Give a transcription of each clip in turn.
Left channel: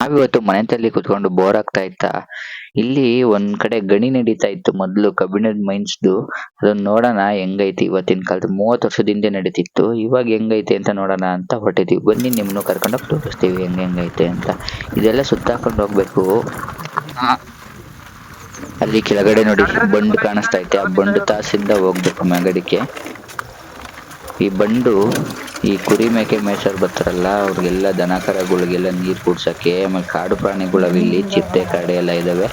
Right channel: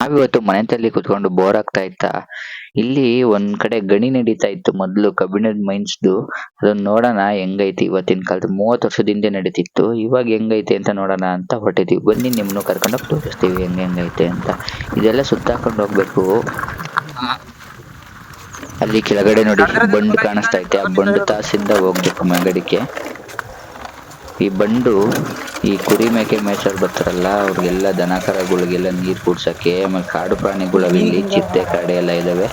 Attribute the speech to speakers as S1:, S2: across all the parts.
S1: ನಾವಿವತ್ತು ಮನೆತಲ್ಲಿ ಕುತ್ಕೊಂಡು ಬೋರ್ ಆಗ್ತಾ ಇತ್ತಾ? ಇಲ್ಲಿ ಒಂದ್ ಕಡೆ ಗಣಿ ನಡೀತಾ ಇತ್ತು ಮೊದ್ಲು ಕಬ್ಬಿಣದ ಮೈನ್ಸ್ದು. ಅದನ್ನ ನೋಡೋಣ ಹೆಂಗೈತಿ ಇವತ್ತಿನ ಕಾಲದ. ಮೂವತ್ತು ವರ್ಷದ ಹಿಂದೆ ನಡೀತಿತ್ತು. ಇವಾಗ ಹೆಂಗೈತೆ ಅಂತ ನೋಡೋಣ ಅಂತ ಹೊರಟಿದೀವಿ. ಬನ್ನಿ ನಿಮ್ಮನ್ನು ಕರ್ಕೊಂಡೋಗಿ ತೋರಿಸ್ತೀವಿ ಹೆಂಗ್ ಹೆಂಗೈತೆ ಅಂತ. ಇದೆಲ್ಲ ಸುತ್ತಾಕೊಂಡು ಹೋಗ್ಬೇಕು. ಅಲ್ಲಿ ಕೆಳಗಡೆ ನೋಡಿ ಬಂಡ್ ಕಾಣಿಸ್ತಾ ಐತೆ. ಆ ಬಂಡ್ ತಾಸಿಂದ ಹೋಗ್ಬೇಕು ಮೆಗಡಿಕೆ ಈ ಬಂಡು ಈ ಕುರಿ ಮೇಕೆ ಮೇಯ್ಸೋರು ಬರ್ತಾರಲ್ಲ ಅವ್ರಿಗೆಲ್ಲ ದನ ಕರಗಳಿಗೆಲ್ಲ ನೀರು ಕುಡ್ಸಕ್ಕೆ ಆಮೇಲೆ ಕಾಡು ಪ್ರಾಣಿಗಳು ಇಲ್ಲಿ ಚಿತ್ತೆ ಕಾಡೆ ಎಲ್ಲ ಇದ್ದಾವೆ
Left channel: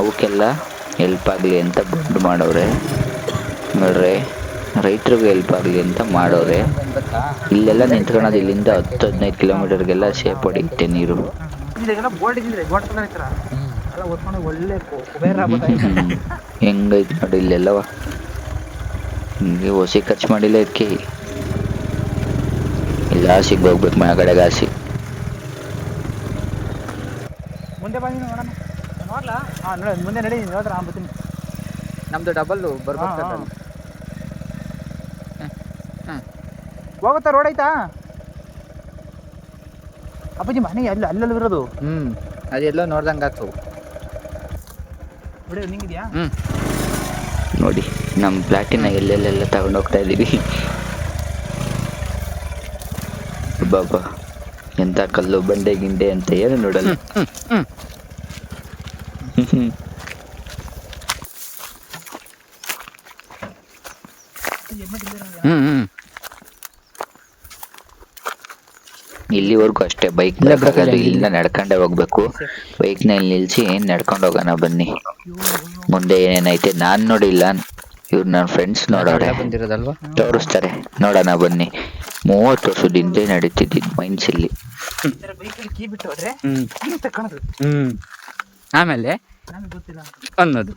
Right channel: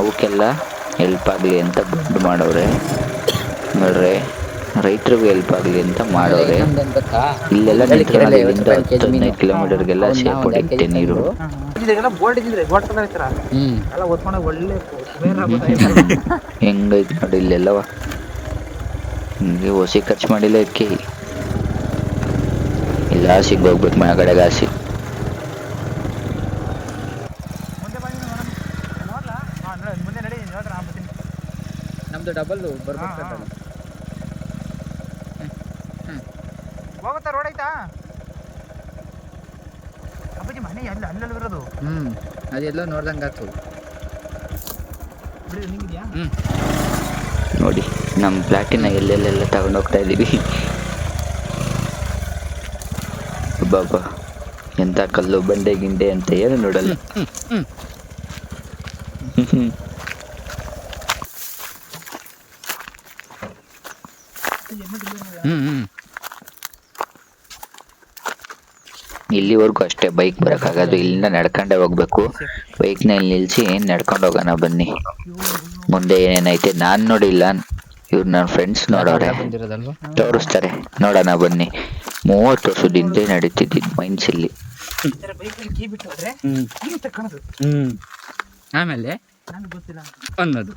S1: ಅವಕ್ಕೆಲ್ಲ ಹೆಲ್ಪ್ ಆಗಲಿ ಅಂತ ಬಂಡು ಮಾಡವ್ರೆ. ನೋಡ್ರಿ ರೈತರಿಗೂ ಹೆಲ್ಪ್ ಆಗಲಿ ಅಂತ ಮಾಡೋರೆ ಇಲ್ಲೆಲ್ಲ ನಿಂತ್ಕೊಳ್ಳೋದು ಇಲ್ಲಿಂದ ಹತ್ತು ಹದಿನೈದು ಕಿಲೋಮೀಟರ್ಗೆಲ್ಲ ಸೇಫ್ ಹೊಡಿಯುತ್ತೆ ನೀರು. ಹೆಂಗೈತೆ ನೋಡಿ ಇಲ್ಲೆಲ್ಲವ. ಹಿಂಗೆ ಓಸಿ ಖರ್ಚು ಮಾಡಿಲ್ಲ ಇದಕ್ಕೆ. ಇಲ್ಲ ಹಾಸಿಗೆ ಹೋಗ್ಬೇಕು ಮನೆ ಕಡೆಗೆ
S2: ಮುಂದೆ ಬಂದಿ ಮೇಡಮ್. ನೋಡ್ಲಾ ಹಾಂ ನೋಡಿ ಮುಂದೆ ನಡಿ ನೋಡ್ರ ಆಗ್ಬಿಡ್ತೀನಿ ನಮ್ದು ಡಬಲ್ ಬರ್ಬೇಕು ಹೋಗುತ್ತಾ ರೋಡ್ ಐತಾ ಅಪ್ಪಾಜಿ ಮನೆ ಅಲ್ಲಿ ಅಲ್ಲಲ್ಲಿ ಇರೋದು
S3: ಹ್ಮ್ ಅದೆಲ್ಲ ನೋಡ್ದಂಗೆ ಆಯ್ತು
S2: ನೋಡಿ ನಿಂಗಿದ್ಯಾ?
S3: ಹ್ಮ್.
S1: ನೋಡಿ. ನಮ್ಮ ಪ್ಲಾಟಿನ ಎಲ್ಲೆಲ್ಲೆಲ್ಲ ತಗೊಂಡು ಹೋಗ್ತಾ ಇದೀವಿ. ಬಾಬಾ, ಎಂತ ಕಲ್ಲು, ಬಂಡೆ, ಗಿಂಡೆ ಅಂತ ಏನು ನೋಡಲ್ಲ. ಇಲ್ಲಿವರೆಗೂ ಅಷ್ಟೇ, ಬೈಕ್ ಬರೋಕ್ಕಾಗೋದು ಇಲ್ಲಿಂದ ನಡ್ಕೊಂಡೇ ಹೋಗ್ಬೇಕು. ಬೈಕ್ನ ಇಲ್ಲಿ ನಿಲ್ಸಿ ನಡ್ಕೊಂಡು ಹೋಗೋಣ ಬನ್ನಿ. ಮುಂದೆ ಏನೇನೈತೆ ನಾನು ನೋಡಿಲ್ಲ. ನನ್ನ ಫ್ರೆಂಡ್ಸ್
S3: ನೋಡೋರೆ.
S1: ತೋರಿಸ್ತಾರೆ. ನೋಡೋಣ ಬನ್ನಿ. ಮೂವತ್ತು ವರ್ಷದ ಹಿಂದೆ ನಡೀತಿದ್ದು ಮೈನ್ಸ್ ಇಲ್ಲಿ
S3: ಆಮೇಲೆ
S2: ನನಗೆ ಗೊತ್ತಿಲ್ಲ
S3: ಅನ್ನೋದು.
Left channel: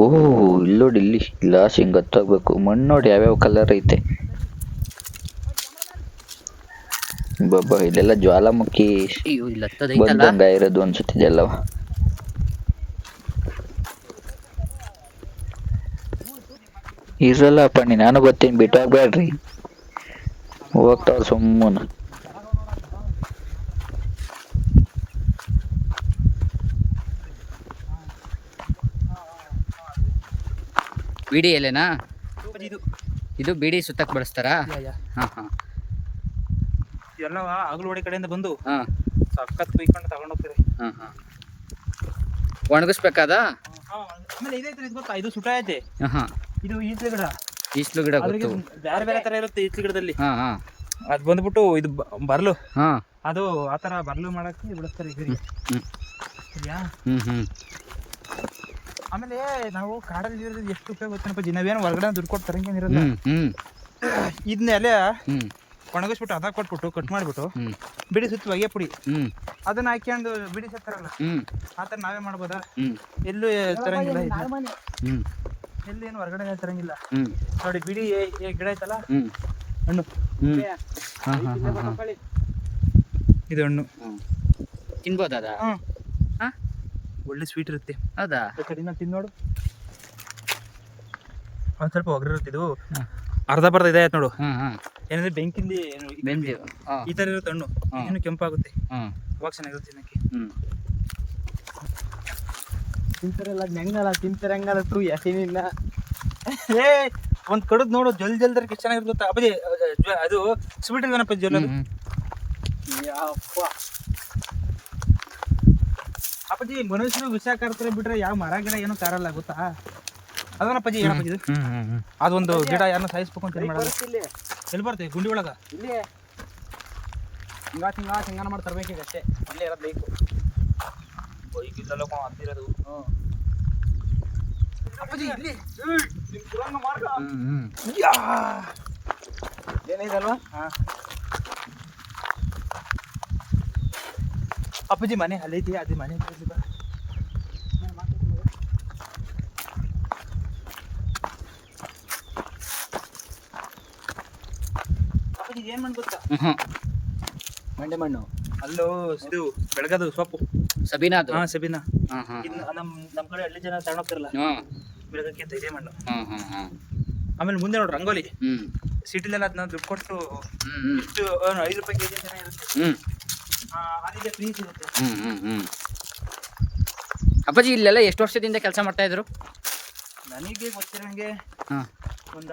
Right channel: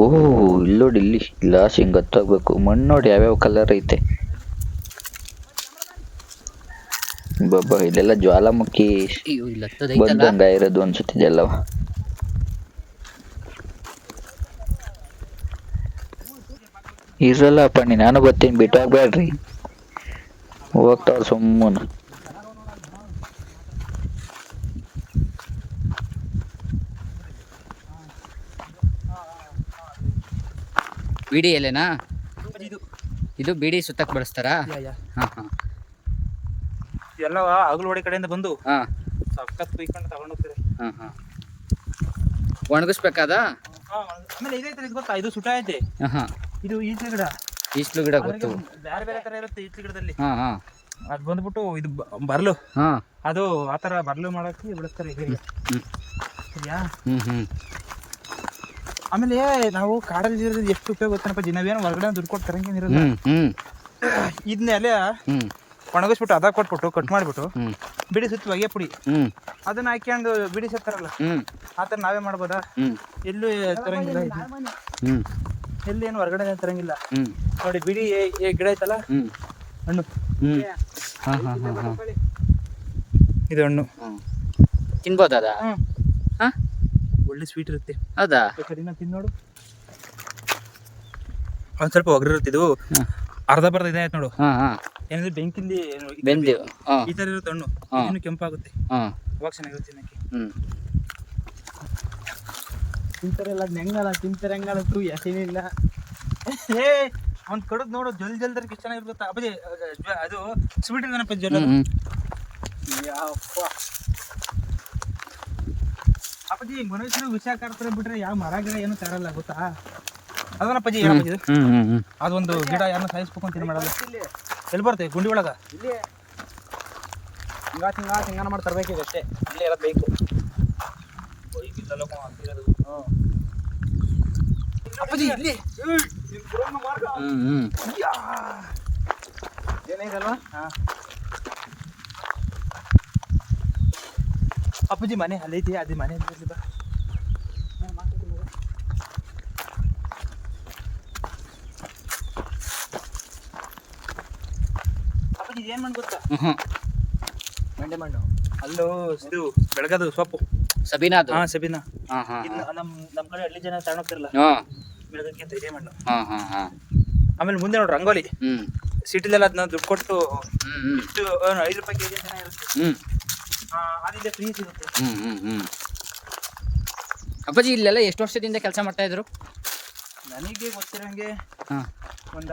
S1: ಓ ಇಲ್ಲೋಡಿ ಇಲ್ಲಿ ಗ್ಲಾಸ್ ಹಿಂಗ್ ಹತ್ತೋಗ್ಬೇಕು. ಮಣ್ಣು ನೋಡಿ ಯಾವ್ಯಾವ ಕಲರ್ ಐತೆ. ಬಾಬಾ ಇದೆಲ್ಲ ಜ್ವಾಲಾಮುಖಿ ಬಂದಂಗ ಇರೋದು ಅನ್ಸುತ್ತೆ ಇದೆಲ್ಲವ ಇರಲ್ಲ ಪಣ್ಣಿ ನಾನು ಬರ್ತೀನಿ ಬಿಟ್ಟು ಹೋಗ್ಬೇಡ್ರಿ ಹೋಗ್ತಾವ್ರ ಸುಮ್ಮನ.
S3: ಬಿಡಿ ಎಲೆನಾ?
S2: ಇದು.
S3: ಇದು ಬಿಡಿ ಸುತ್ತಕ್ ಬಳಸ್ತಾರಾ? ಹಾ ಹಾ.
S2: ಎಲ್ಲ ಅಗಲವಾಡಿ ಕಡೆಯಿಂದ ಬಂದು
S3: ಹಾ.
S2: ಸಖತ್ ಕುಯ್ಕೊಂಡು ತಗೊಂಡು ಹೋಗ್ತಾರೆ.
S3: ಹಾ ಹಾ. ಒಣಗಿಸ್ಬೇಕಾದ?
S2: ಆಮೇಲೆ ಇದೈತೆ ಇದು ಗೊತ್ತಾ? ಇದು ಸುಟ ಐತೆ
S3: ಹಾ
S2: ಇದು ಈಚೆ ಗಿಡ.
S3: ಈಸ್ಲು ಗಿಡ ಗೊತ್ತು.
S2: ಬೇರೆ ಬೇರೆ ತರ ಇರುತ್ತೆ ಈಚೆ ಗಿಡದಲ್ಲಿ.
S3: ಹಾ ಹಾ.
S2: ಅದು ಬಂದ್ಬಿಟ್ಟು ಇದು ಬರ್ಲು.
S3: ಹಾ.
S2: ಅದು ಆ ಥರ ಬರ್ಲು ಮಾಡಕ್ಕೆ ಬಿಡಿಸ್ತಾರೆ ಇದರಿಗೆ
S3: ಹ್ಮ್
S2: ಸರಿಯಾ?
S3: ಹ್ಮ್ ಹ್ಮ್.
S2: ಆಮೇಲೆ ನಾವು ಕಾಡಲ್ಲಿ ಇರೋದು ಎಷ್ಟು ಉಪಯೋಗ ಗೊತ್ತೇನಪ್ಪ ದಿನವೇನು ಹೊರಗಡೆ ದುಡ್ಡು ಕೊಟ್ಟು ತರಂಗೇನಿರಲ್ಲ
S3: ಹ್ಮ್ ಹ್ಮ್.
S2: ಇದನ್ನ ಎಲೆ
S3: ಹ್ಮ್.
S2: ಒಣಗಿಸ್ಬಿಟ್ಟು ಅದ ಕೊಟ್ಬಿಟ್ಟು ಕಟ್ ಮಾಡಿಬಿಟ್ಟು ಬಿಡಿ ಸುತ್ತ ಹೊಗೆ ಪುಡಿ.
S3: ಹ್ಮ್.
S2: ಅದನ್ನ ಹಾಕ್ಯಂಡು ಬಿಡಿ ಸತ್ತಾರಲ್ಲ? ಆ ಥರ ನಾವೇ ಮಾಡ್ಬೋದಾ? ಎಲ್ಲೂ ತರಂಗಿಲ್ಲ ಎಲ್ಲಿ ಏನು ಹೊರಗಡೆ ತರಂಗಿಲ್ಲ. ನೋಡಿ ಬಿಡಿ ಏ- ಏ ಗಿಡ ಐತಲ್ಲ? ಹಣ್ಣು.
S3: ಹಾ ಹಾ ಹಾ ಹಾ.
S2: ಇದು ಹಣ್ಣು.
S3: ಹಾ?
S2: ಒಳ್ಳೆ ಸ್ವೀಟ್ ಇರುತ್ತೆ.
S3: ಹೌದಾ?
S2: ಕಡಿಮೆ ತಿಂದು ನೋಡು. ಒಂದ್ ಸ್ವಲ್ಪ ಒಗ್ರಿರುತ್ತೆ ಇದು ಅರ್ಧ ಬರ್ದ ಇದೆ ಆಯ್ತು ನೋಡು.
S3: ಹಾ ಹಾ.
S2: ಏನಂದ್ರೆ ಬೆಂಕಿಂದ ಏನು ಈ-
S3: ಬೆಂದಿ ಹಾ.
S2: ಈ ತರ ಇರುತ್ತೆ ಹಣ್ಣು
S3: ಹಾ.
S2: ಇನ್ನು ಕೆಂಪಾಗುತ್ತೆ.
S3: ಹಾ.
S2: ಅವಾಗ ಚೆನ್ನಾಗಿರುತ್ತೆ ತಿನ್ನಕ್ಕೆ.
S3: ಹ್ಮ್.
S2: ತಿಂತಾರಲ್ಲ ಹೆಂಗಲ್ಲ ತಿಂತಾರೆ ಹೆಂಗಲ್ಲ ತೂ ಯಾಕೇನಿಲ್ಲ ಏ ಒಂದ್ ಕಡದ್ ನೋಡು ಜಲ್ ಜಲ್ದರ್ ಎಷ್ಟು ಚೆನ್ನಾಗಿರುತ್ತೆ ಅಪ್ಪಾಜಿ ಅದು ಸ್ವೀಟ್ ಇದಾನಪ್ಪ ಜಲ್ ಅದು.
S3: ಹ್ಮ್
S2: ಯಪ್ಪ. ಅಪ್ಪಾಜಿ ಮನುಷ್ಯರು ವಿಷ ಕರ್ತಾರೆ ಬಿಟ್ರೆ ಯಾವ ಮರ ಗಿಡ ಏನು ತಾರಲ್ಲ ಗೊತ್ತಾ? ಅದನ್ನಪ್ಪಾಜಿ ಹೇಳಪ್ಪಾಜಿ ಇದು.
S3: ಹ್ಮ್ ಹ್ಮ್ ಹ್ಮ್
S2: ಅದೊಂದು ಗಿಡ ಯಾರನ್ನ ಸಾಯಿಸ್ಬೇಕು ಅಂತ ಏನ್ ಮಾಡಲ್ಲ. ಎಲ್ಲಿ ಬರ್ತದೆ ಗುಂಡಿ ಒಳಗೆ? ಇಲ್ಲಿ ಹಿಂಗ ಹಿಂಗ ಹಿಂಗಾನ ಮಾಡಿ ತರ್ಬೇಕು ಈಗ ಅಷ್ಟೇ. ಇಲ್ಲೇ ಇರೋದು ಬೇಕು. ಅಪ್ಪಾಜಿ ಇಲ್ಲಿ.
S3: ಹ್ಮ್ ಹ್ಮ್.
S2: ಏನಿದಲ್ವಾ ಅಪ್ಪಾಜಿ ಮನೆ ಅಲ್ಲೈತಿ ಅದೇ ಮನೆ ಬಾ. ನಾನ್ ಮಾಡ್ತೀನಿ ಮಗ. ಅಪ್ಪಾಜಿ ಏನ್ ಮಾಡಿ ಗೊತ್ತಾ
S3: ಮಂಡಿ ಮಣ್ಣು.
S2: ಅಲ್ಲೋ ಇದು ಬೆಳಗದು ಸೊಪ್ಪು.
S3: ಸಬೀನಾ ಅದು
S2: ಹಾ ಸಬೀನಾ.
S3: ಹಾ ಹಾ.
S2: ಇದನ್ನ ನಮ್ ನಮ್ ಕಡೆ ಹಳ್ಳಿ ಜನ ತಗೊಂಡೋಗ್ತಿರಲ್ಲ
S3: ಹಾ.
S2: ಬೆಳಗಕ್ಕೆ ಅಂತ ಇದೆ ಮಣ್ಣು.
S3: ಹಾ ಹಾ ಹಾ.
S2: ಆಮೇಲೆ ಮುಂದೆ ನೋಡ್ರಿ ರಂಗೋಲಿ. ಸಿಟಿಲೆಲ್ಲ ಅದನ್ನ ದುಡ್ಡು ಕೊಟ್ಟು ಇಷ್ಟು ಐದು ರೂಪಾಯಿ ಕೆಜಿ ಜಿ
S3: ಇರುತ್ತೆ.
S2: ಅದಿದೆ ಫ್ರೀ ಸಿಗುತ್ತೆ.
S3: ಅಪ್ಪಾಜಿ ಇಲ್ಲೆಲ್ಲ ಎಷ್ಟು ವರ್ಷದಿಂದ ಕೆಲಸ ಮಾಡ್ತಾ ಇದ್ರು?
S2: ನನಗೆ ಗೊತ್ತಿರೋಂಗೆ
S3: ಹಾ.
S2: ಒಂದ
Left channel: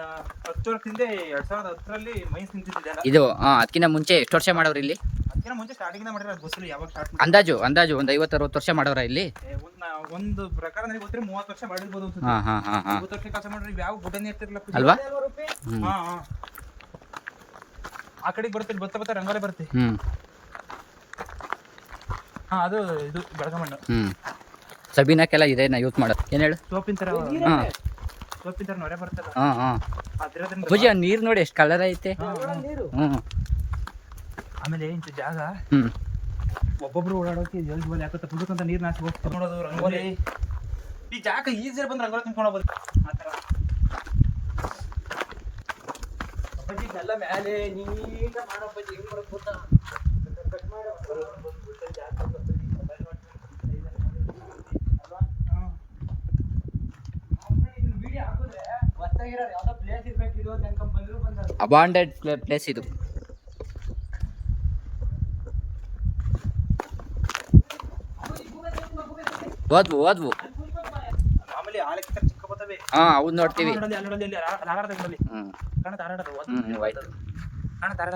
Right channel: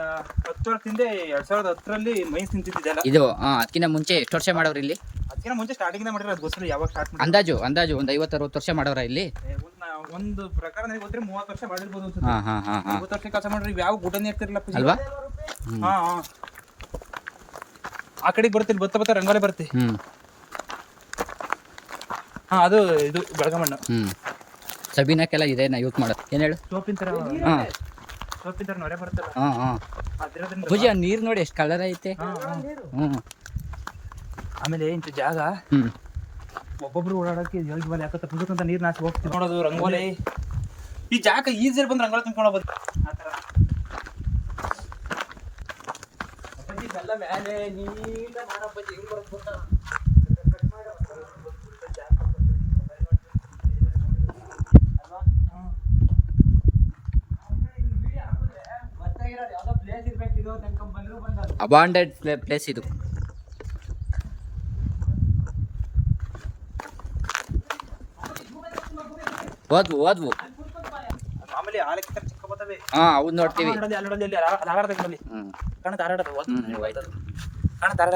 S2: ಹತ್ತು ವರ್ಷದಿಂದ ಎರಡ್ ಸಾವಿರದ ಹತ್ತರಲ್ಲಿ ಮೈನ್ಸ್ ನಿಂತಿದ್ದೆಲ್ಲ
S3: ಇದು ಅದಕ್ಕಿಂತ ಮುಂಚೆ ಎಷ್ಟು ವರ್ಷ ಮಾಡೋರು ಇಲ್ಲಿ?
S2: ಅದಕ್ಕಿಂತ ಮುಂಚೆ ಸ್ಟಾರ್ಟಿಂಗ್ ಮಾಡಿದ್ರೆ ಅದು ಗೊತ್ತಿಲ್ಲ ಯಾವಾಗ ಸ್ಟಾರ್ಟ್ ಮಾಡಿ
S3: ಅಂದಾಜು ಅಂದಾಜು ಒಂದು ಐವತ್ತು ಅರವತ್ತು ವರ್ಷ ಮಾಡೋರ ಇಲ್ಲಿ?
S2: ಒಂದು ಒಂದು ಪ್ರಕಾರ ನನಗೆ ಗೊತ್ತಿರ ಮೂವತ್ತು ವರ್ಷ ಮಾಡಿರ್ಬೋದು ಅಂತ
S3: ಹಾ ಹಾ ಹಾ ಹಾ.
S2: ಮೂವತ್ತು ವರ್ಷ ಕೆಲಸ ಮಾಡ್ರಿ ಯಾವ ಗುಡ್ಡನೇ ಇರ್ತಿರಲ್ಲ
S3: ಅಲ್ವಾ?
S2: ಹಾ ಹಾ. ಆ ಕಡೆಗೆ ಬರುತ್ತೆ ಬತ್ತ ಬರ್ತಾ ರಂಗೋಲೆ ಬರುತ್ತೆ.
S3: ಹ್ಮ್.
S2: ಹಾ ಅದು ಇದು ಬೆಳಗಮಣ್ಣು.
S3: ಹ್ಮ್. ಸಬೀನಕ್ಕೆಲ್ಲ ನಾ ಯೂಸ್ ಮಾಡೋದು? ಏನು ಹೇಳು?
S2: ಸೋಪಿನ ತರ
S3: ಹಾ.
S2: ಸೋಪಿನ ತರ ನೊರೆ ಬರುತ್ತಲ್ಲ
S3: ಹಾ ಹಾ.
S2: ಅದ್ರದಿಂದ
S3: ಅಪ್ಪಾಜಿ ಆ ನೀರು ನೋಡಿ ಎಷ್ಟು ಕಲರ್ ಐತೆ.
S2: ಹಾ, ಹಾ.
S3: ಹ್ಮ್.
S2: ಆಮೇಲೆ ಇಂಥ ಜಾಗ?
S3: ಹ್ಮ್.
S2: ಒಬ್ಬೊಬ್ರು ಓಡಾಡೋಕೆ ಜಲ್ದಿ ಬಲ್ಲಿ ಯಾಕಂತ ಪುಸ್ತಕಂತ ನೀರ್ ನಾಚಿ ಹೋಗ್ತೀವಿ ನೋಡೋದು ರಂಗೋಲಿ. ಈ ಜಾಗ ಈಜಿ ಬಂದ್ರೆ ರಂಗೋಲಿ ತುಂಬ್ಕೊಂಡು ಹೋಗ್ಬೋದು. ಆ ಥರ. ಅಪ್ಪಾಜಿ ಎಲ್ಲ ಮೇಲೆ ನೀಟ ಮಾಡಪ್ಪಾಜಿ ಹೆಂಗ್ ಬರುತ್ತೆ ಗೊತ್ತಾ ಅಲ್ವಾ? ಹ್ಮ್. ಗೊತ್ತಾಗಿರೋರು ಯಾವ್ದೋ ಪ್ಲೇಸ್ ಇರ್ಬೇಕಿದು ಅಂತ ಅನ್ಕೊಂಡ್ ಬಂದ್ರು ಬಂದದ್ದು
S3: ಅಬಾಂಡೆಡ್ ಪ್ಲೇಸ್ ಇದು. ಓದ್ವು ಓದ್ವು. ಹಾ ಅವು ನೋಡ್ತೀವಿ.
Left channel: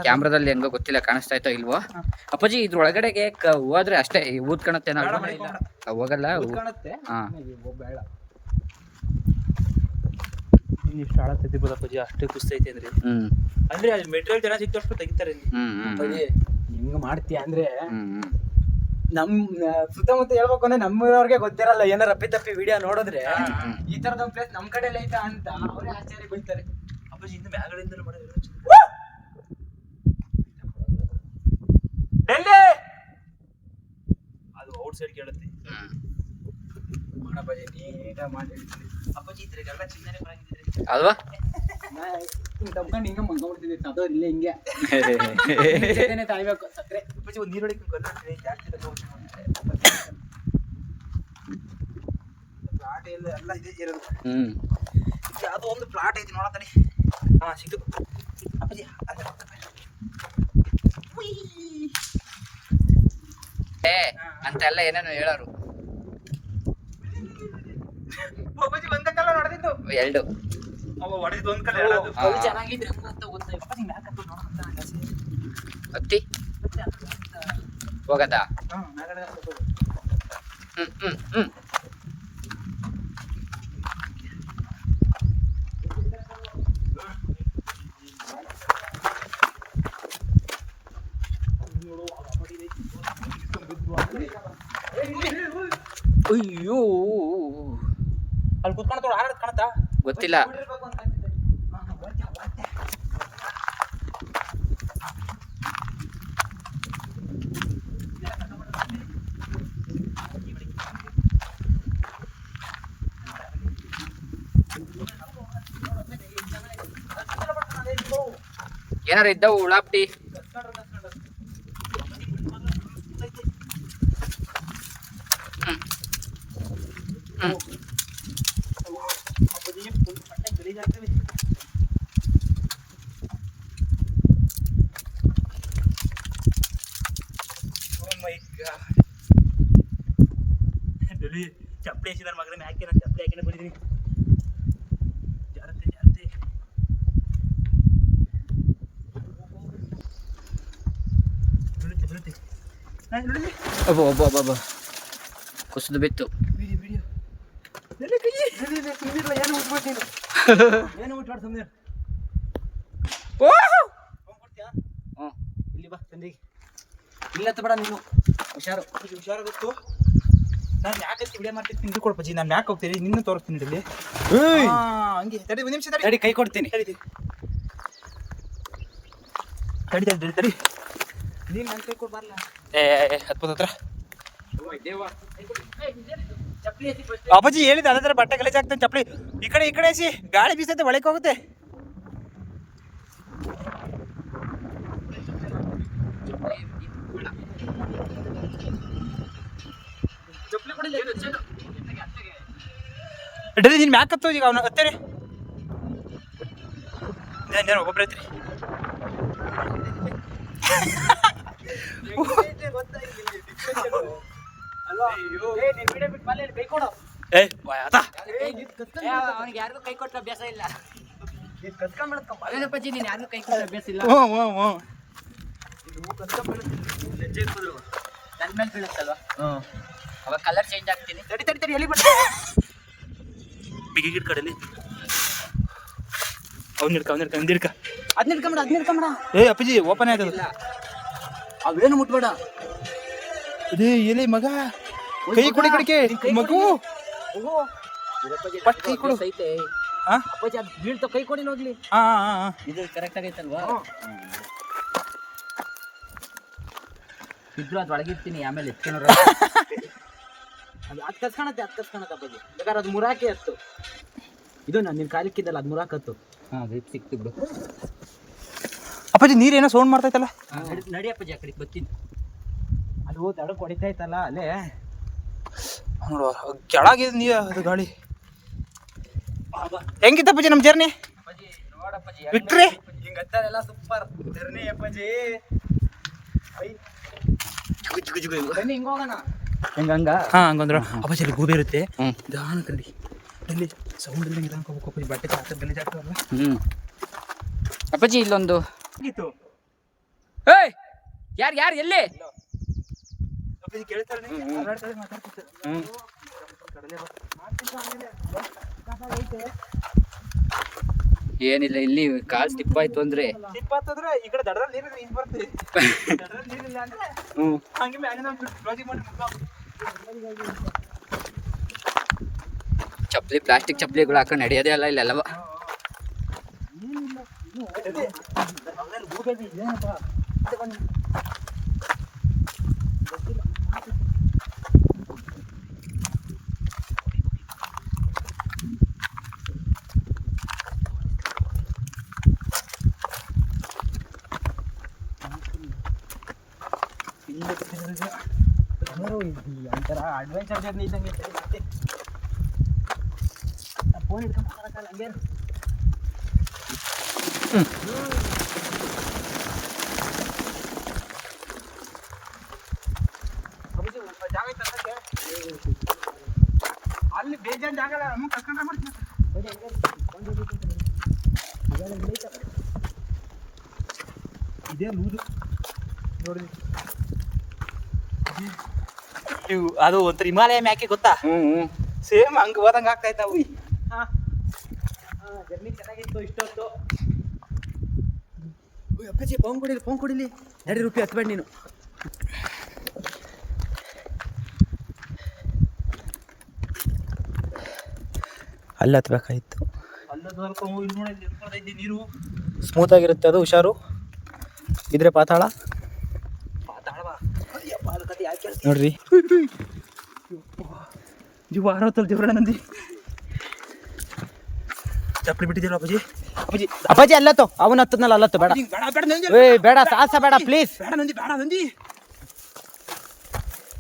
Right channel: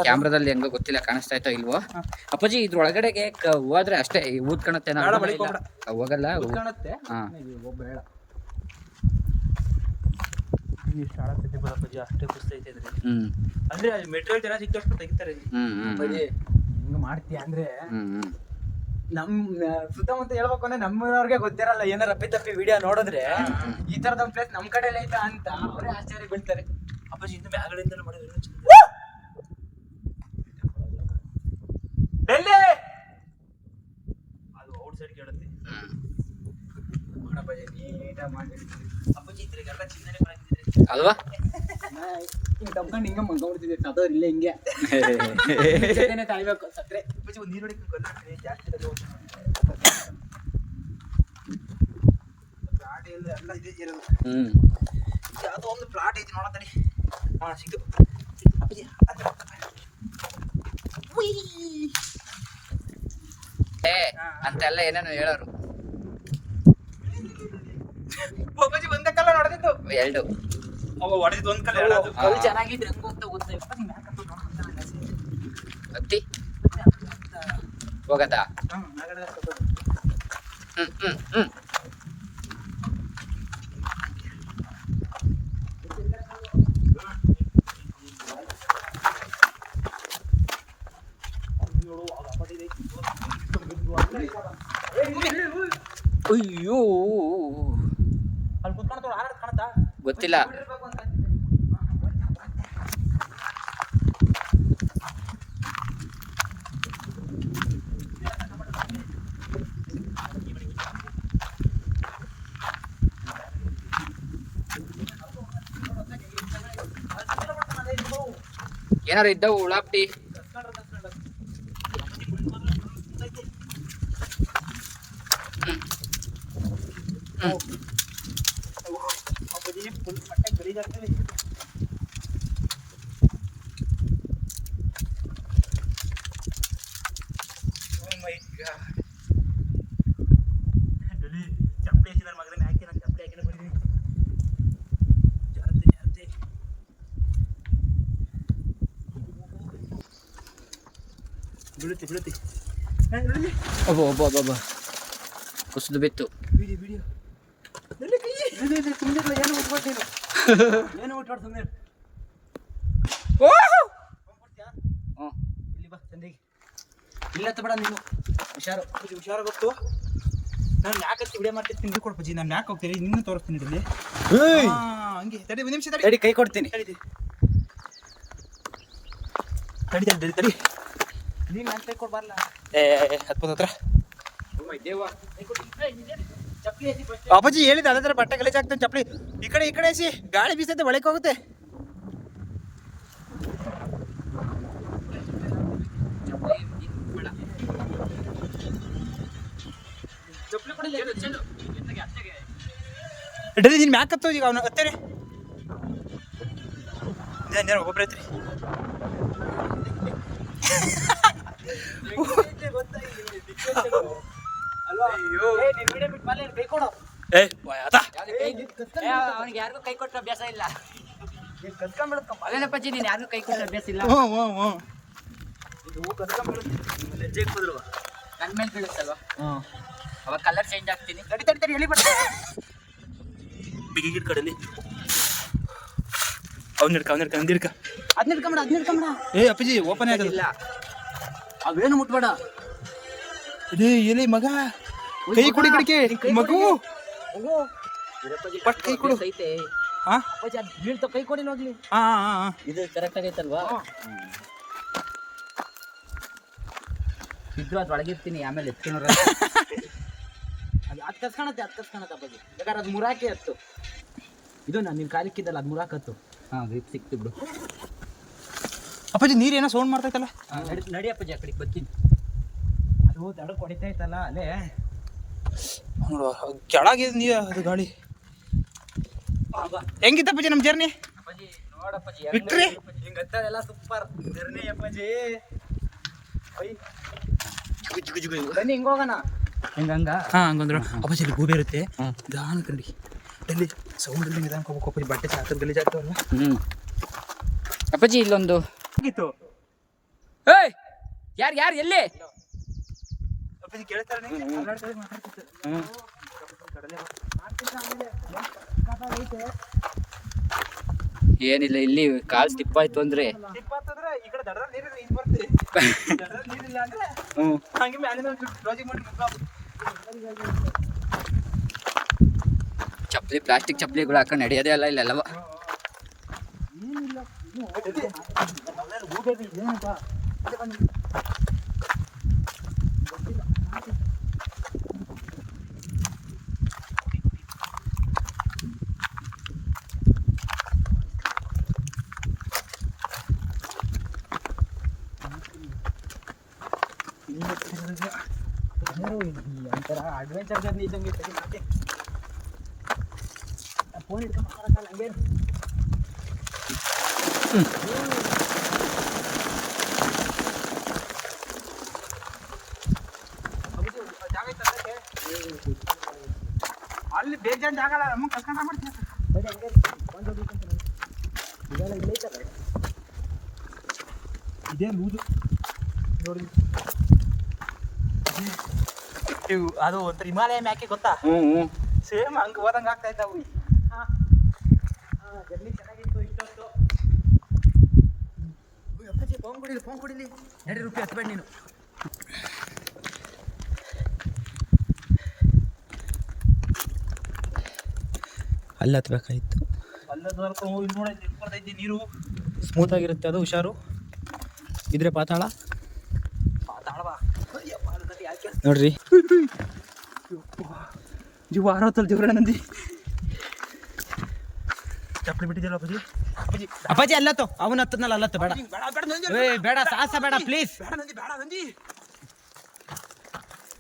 S3: ಕ್ಯಾಮ್ರಾದಲ್ಲಿ ಹೆಂಗೋ ಗೊತ್ತಿಲ್ಲ ಕಾಣಿಸ್ತಾ ಇತ್ತೋ ಇಲ್ವೋ? ಅಪ್ಪಾಜಿ ಇದ್ರ ಒಳಗಡೆಗೆ ಹೋದ್ರೆ ಅಷ್ಟೇ
S2: ಊದ್ ಕಾಣತ್ತೆ.
S3: ಹೋಗಲ್ಲ ಹಾ.
S2: ಬೇಡ ಇಷ್ಟು ಆಳತ್ತೈತಿ ಬದಪ್ಪಜಿ ಅಷ್ಟೇ ಖುಷಿ ಐತೆ ಅಂದ್ರೆ.
S3: ಹ್ಮ್.
S2: ಅಂದ್ರೆ ಅಲ್ಲಿ ಮೆಟೀರಿಯಲ್ ಜನ ಸಿಕ್ಕಷ್ಟು ತೆಗಿತಾರೆ ಇಲ್ಲಿ.
S3: ಹ್ಮ್ ಹ್ಮ್
S2: ಹೆಂಗ್ ಮಾಡ್ತೀಯ ಅಂದ್ರೆ
S3: ಹ್ಮ್ ಹ್ಮ್.
S2: ನಮ್ ಸುತ್ತಮುತ್ತ ಹೇಳ್ಬೇಕು ಅಂದ್ರೆ ನಮ್ಮವ್ರಿಗೆ ಗೊತ್ತಿರಲ್ಲ ಏನಾರ ಅಪ್ಪಿ ತಪ್ಪಿ ವಿಡಿಯೋ ನೋಡಿದ್ರೆ ಈ ತರದ ಪ್ಲೇಸ್ ನಮ್ ಕಡೆ ಐತಾ ಅಂತ ಅವರೇ ಆಶ್ಚರ್ಯ ಬೀಳ್ತಾರೆ. ಅಪ್ಪಾಜಿ ಇನ್ನು ಮ್ಯಾಗಡೆಯಿಂದಲೇ ಮಾಡೋದು ಡೆಲ್ಲಿ! ಅದು ಔಟ್ ಸೈಡ್ ಕೇಳುತ್ತೆ ಮಾಡಪ್ಪಾಜಿ ನೀಟಾ ಮಾಡಿ. ಅಪ್ಪಾಜಿ ಇದ್ರಿಗೆಲ್ಲ ಚಿಂತನೆ ಬರಂಗಿದ್ರೆ
S3: ಅಲ್ವಾ?
S2: ಹಿಂಗ್ ತಪ್ಕೊಂಡು ಹಿಂಗೆ ಮಂಗ್ಬಿಡ್ತಿದ್ದೆ ಸದೋರ್ ಇಲ್ಲೇ ಹಿಂಗೆ. ತಾಳ್ಬೇಕು ಸತ್ರೆ ಅಪ್ಪಾಜಿ ಒಂದು ನೀರು ಕೊಲ್ಲಾಡ್ತೀನಿ ಜಾಸ್ತಿ ಎಲ್ಲ ಇದೆ ಇರೋದು
S3: ಹ್ಮ್.
S2: ಯಾವುದೋ ಒಂದು ಪ್ಲಾಟ್ ಐತಿ ನೋಡತ್ತಡಿ ಹಾಂ ಸಿಕ್ತು ಅಪ್ಪಾಜಿ ಪಕ್ಕ.
S3: ಏ ಅಂತೆಲ್ಲ ಏನೇನೋ ಹೇಳೋರು.
S2: ಅಪ್ಪಾಜಿ ಒಂದೇ ಕಲ್ಲ ನೋಡಿದ್ದು
S3: ಎರಡು. ಹತ್ತಿ ಹೋಗದ. ಹ್ಮ್ ಹ್ಮ್ ಹ್ಮ್ ಅಯ್ಯೋ.
S2: ಅಲ್ಲಿ ಕುತ್ಕೊಂಡು ಆರಾಡ್ ಕಾಣತ್ತಾ
S3: ಗೊತ್ತಿಲ್ಲ. ಏನಾರು ಇದ್ದವು ಉಳಾಪ್ಟಿ
S2: ಅಪ್ಪಾಜಿ ಫುಲ್ ಪಟ್ಟೆ ಗಲೀಜಾಗ್ತದೆ Oh my God. ಡೊಲಿ ಚಪ್ಪಲಿ ಹಾಕಿ ನನ್ನ ಮಗನ ಹಾಕಿ ನಾನು ಚಪ್ಪಲಿ ಹಾಕಿನ ಬಂದಿದ್ದೀನಿ ಜಾರತ್ತೆ ಜಾರತ್ತೆ ಬೀಳುತ್ತೆ
S3: ಒಬ್ಬ ಒಬ್ಬ ಒಬ್ಬ ಒಬ್ಬ ಕುಸಿದು ಬಿತ್ತು
S2: ನನ್ನ ಕೈ ಸುಮ್ಮನಿರಲ್ಲ ಏನು ಉಟ್ಬೋದು ನೀನು ಏನು ಉಟ್ಬಾರ್ದು ಸುಮ್ಮನೆ
S3: ಹ್ಞೂ
S2: ಇಲ್ಲಿ ಬಾ ತಂದಿಗೆ ಇಲ್ಲ ಬೇಡ ನೀನು ಹುಷಾರು ಪೂಜೆ ಹುಷಾರು ಗೊತ್ತು ನಾನು ಯಾಕೆ ವಿಡಿಯೋ ಮಾಡ್ತಿರ್ತೀನಿ ನೀವು ಕೊಡ್ಪಜಿ ನಾನು ಯಾಕೆ ಹೋಗ್ತೀನಿ ನಿನ್ನ ತೋರಿಸ್ತೀನಿ ಇಲ್ಲಿ ಹಾ, ಹಂಗೆ ತಡಿ ಒಂದು ನಿಮಿಷ ತಡಿ
S3: ಕೈ ಕೊಡ್ತೀನಿ
S2: ತಡಿ ತಡಿ ನೀನು ನನ್ನ ಕೈ ಕೊಡ್ಬಾರ್ಲ ಏ ಹತ್ಬೋದು ಹತ್ರ. ಅಪ್ಪಾಜಿ ಹೇಳಿದ ಅದೇ ಥರ ಬಟ್ಟೆ ಗಲೀಜ್ ಆಗ್ತಾನೆ ಚಪ್ಪಲಿ. ಈ ಕಡೆ ಈ ಕಡೆ ಎಸಿ ಗಾಳಿ ಬೀಸತ್ತೆ ಒಳಗೆ ಹೋಗುತ್ತೆ. ಚಪ್ಪಲಿ ಕೊಡಿ ಡೈಲಿ ನಿನ್ ಮ್ಯಾಕ್ ಹತ್ತೋ ಈಗ ಅವನ ಹತ್ತೇರಿ. ನೇರ ಒಬ್ಬರೇ ಐತ್ರಿ
S3: ಅವನಿಗೆ ಯಾರಿಗೂ ಕೈ ಕೊಟ್ಟ ಅಭ್ಯಾಸ ಇಲ್ಲ. ಅದೇನಪ್ಪಾಜಿ ನೀನು ಯಾರಿಗೂ ಕೈ ಕೊಟ್ಟ ಅಭ್ಯಾಸ ಇಲ್ಲ
S2: ಹ್ಞೂ ಹ್ಞೂ ಹ್ಞೂ
S3: ನನ್ ಮೇಲೆ ಬೀಳುತ್ತಲ್ವಾ ಅವಾಗ ಕಲರ್ ಚೇಂಜ್ ಆಗ್ತೀನಿ
S2: ತಡಿ ತಡಿ ತಡಿ ಎಲ್ಲಿ ಬಿಡ ಬಿಗಿ ಕಡಲಿ ಅವ್ನ ಹಿಡ್ಕ ಅವ್ನ ಹಿಡ್ಕ ಅವ್ನ ಹಿಡ್ಕ
S3: ಅದ್ ನಿಡ್ಕೊಂಬಿಡ ಅದ್ ನಿಡ್ಕೊಂಬಿಡ
S2: ಏ, ಅಪ್ಪಾಜಿ ಓಪನ್
S3: ಇಲ್ಲ ಅವೇನು ಮುಟ್ಬೇಡ.
S2: ಇದೇ ಎಲೆ ಮಗ ಕೈ ಕೊಡಿ ಕಡಿಕೆ ಮಗು. ಫಸ್ಟ್ ಕೈ ಕೊಡು.
S3: ಐತೆ
S2: ಹಾ?
S3: ಅಪ್ಪಾಜಿ ಅದು ಬೀಳ್ತ ಕೈ ಕೊಡಿ ಹೋಗ್ಲಿ.
S2: ಹಾ ಹಾ
S3: ಇದು ಕರೆಕ್ಟ್ ಆಗೈತಲ್ವಾ? ಇದ್ರು ಅದ್ ಒಳಗಿರ್ತೀನಿ ಆಮೇಲೆ ಎತ್ಕೊಂಡ್ರ
S4: ಅದು ಅದು ಕಸ್ಕೊಳತ್ತೆ ಅದು ಕಸ್ಕೊಳತ್ತೆ ಅಪ್ಪಾಜಿ. ಬೇಕಾದ್ರೆ ಅದು ಮುರಾಕಿ ಹತ್ತು ಇದು ನಾನು ನಿನ್ನ ಕಾಲಿಕ್ಕಿದ್ದಲ್ಲ ಅದು ಮುರಾಕ್ ಹತ್ತು
S3: ಹಾ ಗ್ರಿಪ್ ಸಿಕ್ತು ಬಿಡು.
S2: ಅಪ್ಪಾಜಿ ಏನೋ ಸೌಂಡ್ ಮಾಡ್ತೈತಲ್ಲ?
S3: ನಡಿ- ನಡಿ ಅಪ್ಪಾಜಿ ಆ ಕಡೆಗೆ ಬರ್ತೀನಿ.
S4: ಅದು ದಡಕ್ಕೆ ಹೊಡಿತಾ ಇತ್ತಲ್ಲ ಅಲ್ಲೇ
S2: ನೋಡುವ ಕೆಳಗಿದೆ ನೀರು ಅದು ಗಾಳಿ. ಹೆಂಗಿತ್ತಪ್ಪಾಜಿ ನಮ್ಮ ಜರ್ನಿ
S3: ಅಪ್ಪಾಜಿ ನೋಡಪ್ಪಾಜಿ
S2: ಬಿಟ್ರಿ?
S4: ಹಿಂಗೆ ಹತ್ತದೆಲ್ಲ ಸೂಪರ್ ಜರ್ನಿ ಅಪ್ಪಾಜಿ. ಬನ್ನಿ ಹಿಂಗೆ ಹೋಗೋಣ.
S3: ಹೆಂಗಂಗ
S2: ಹಾ ಹಂಗಂದ್ರೆ ಅಪ್ಪಾಜಿ ಅಲ್ಲಿ ಗೂಬೆ ಇರುತ್ತೆ. ದಾನ ಕಂಡಿ. ಡೆಲ್ಲಿ ಸೌಂಡ್ ಇಲ್ಲ ನಿಧಾನ ಹೋಗ್ಬೇಕು ಅಪ್ಪಾಜಿ ಬಟ್ಟೆ ಹಾಕೋದು ಗಲೀಜ್ ಆಗ್ತಾವಲ್ಲ.
S3: ಹ್ಮ್. ಅಪ್ಪಾಜಿ ಇಲ್ಲೊಂದು
S2: ಆಗಿತ್ತು
S3: ಏಯ್ ಯಾರು ಯಾರು ಎಲ್ಲಿ? ಏನಿಲ್ಲ ಇಲ್ಲಿ ಕಾಲ್ ಸ್ಟಿಪ್ ಆಯ್ತು ಅಂದ್ರೆ. ಚಪ್ಪಲಿ ಪ್ಲಾಸ್ಟಿಕ್ ಚಪ್ಪಲಿಗಳು ಹಾಕೊಂಡು ನಡೆಯೋದೇ ಅಲ್ಲ ಇಲ್ಲೆಲ್ಲವ.
S4: ಒಂಥರ ಅಡ್ವೆಂಚರ್ ಜರ್ನಿ ಇದ್ದಂಗೆ ಫೋನ್ ಹಿಡ್ಕೊಂಡು ಮಾತಾಡಕ್ಕಲ್ಲ ಹಂಗೆ ಇರು.
S2: ಅಪ್ಪಾಜಿ, ಜಾಗ ಐತೆ ಅದಕ್ಕೆ? ಅಲ್ಲಿ ಬೇಜಾನ್ ಜಾಗ ಅಲ್ಲ ನಮ್ಮ ಕರ್ಕೊಂಡು ಆಗ್ಬಿಡ್ತೀವಿ
S4: ಬನ್ನಿ ಹಂಗೆ ಇರು. ಫೋನ್ ಹೋಗ್ಬೇಕಂತ ನೋಡಿ. ಇದೆಲ್ಲ ಇಲ್ಲಿ ಐತಲ್ಲ?
S2: ಇದೇ ಲೂದು ನೋಡಿ ಇವು ಅದು ಒಂಥರ ಹಿಮಾಲಯ ಮ್ಯಾಕೆ ಗೊತ್ತಾ
S3: ಹ್ಮ್ ಹ್ಮ್
S2: ಸೇಮ್ ಹಂಗೆ ಹೋದಂಗೆ ಆಗ್ತಾ ಇದ್ದಾವು ಅಪ್ಪಾಜಿ ಫೋನ್ ಕೊಡಿಲಿ ಫೋನ್ ಕೊಡಿಲಿ.
S4: ನಡಿ ರೂಪಾಯಿ ಹತ್ಬೇಡ ನೀನು.
S2: ಅಲ್ಲಿ ನಿಂತ್ಕೊಳ್ತಾ ನೀರು?
S4: ಸ್ಮೂತ್ ಆಗಿರುತ್ತೆ ಅದು ಹುಷಾರು. ಇದ್ರೆ ಪಾತಾಳ?
S2: ಪಾತಾಳವಾ?
S4: ನೋಡ್ರಿ.
S2: ಜೀವ ಆರೋತಲ್ ಜೀವರಣ ನಂದಿ ಚಪ್ಪಲಿ ಬಿಟ್ಟಿದ್ದೀರ ಅಪ್ಪಾಜಿ? ಅಪ್ಪಾಜಿ
S4: ಅಪ್ಪಾಜಿ ಅಲ್ಲತ್ತು? ಅವನ ಹತ್ತದ್ನಲ್ಲ ಅಲ್ಲತ್ತು? ಬೇಡ.
S2: ಬೇಡ ಬೇಡ
S4: ಏ ಬೇಡ. ಸಾಹಸ ಬೇಡ ಪ್ಲೀಸ್
S2: ಬೇಡ ನಂದಿ ಬೇಡ ನಂದಿ.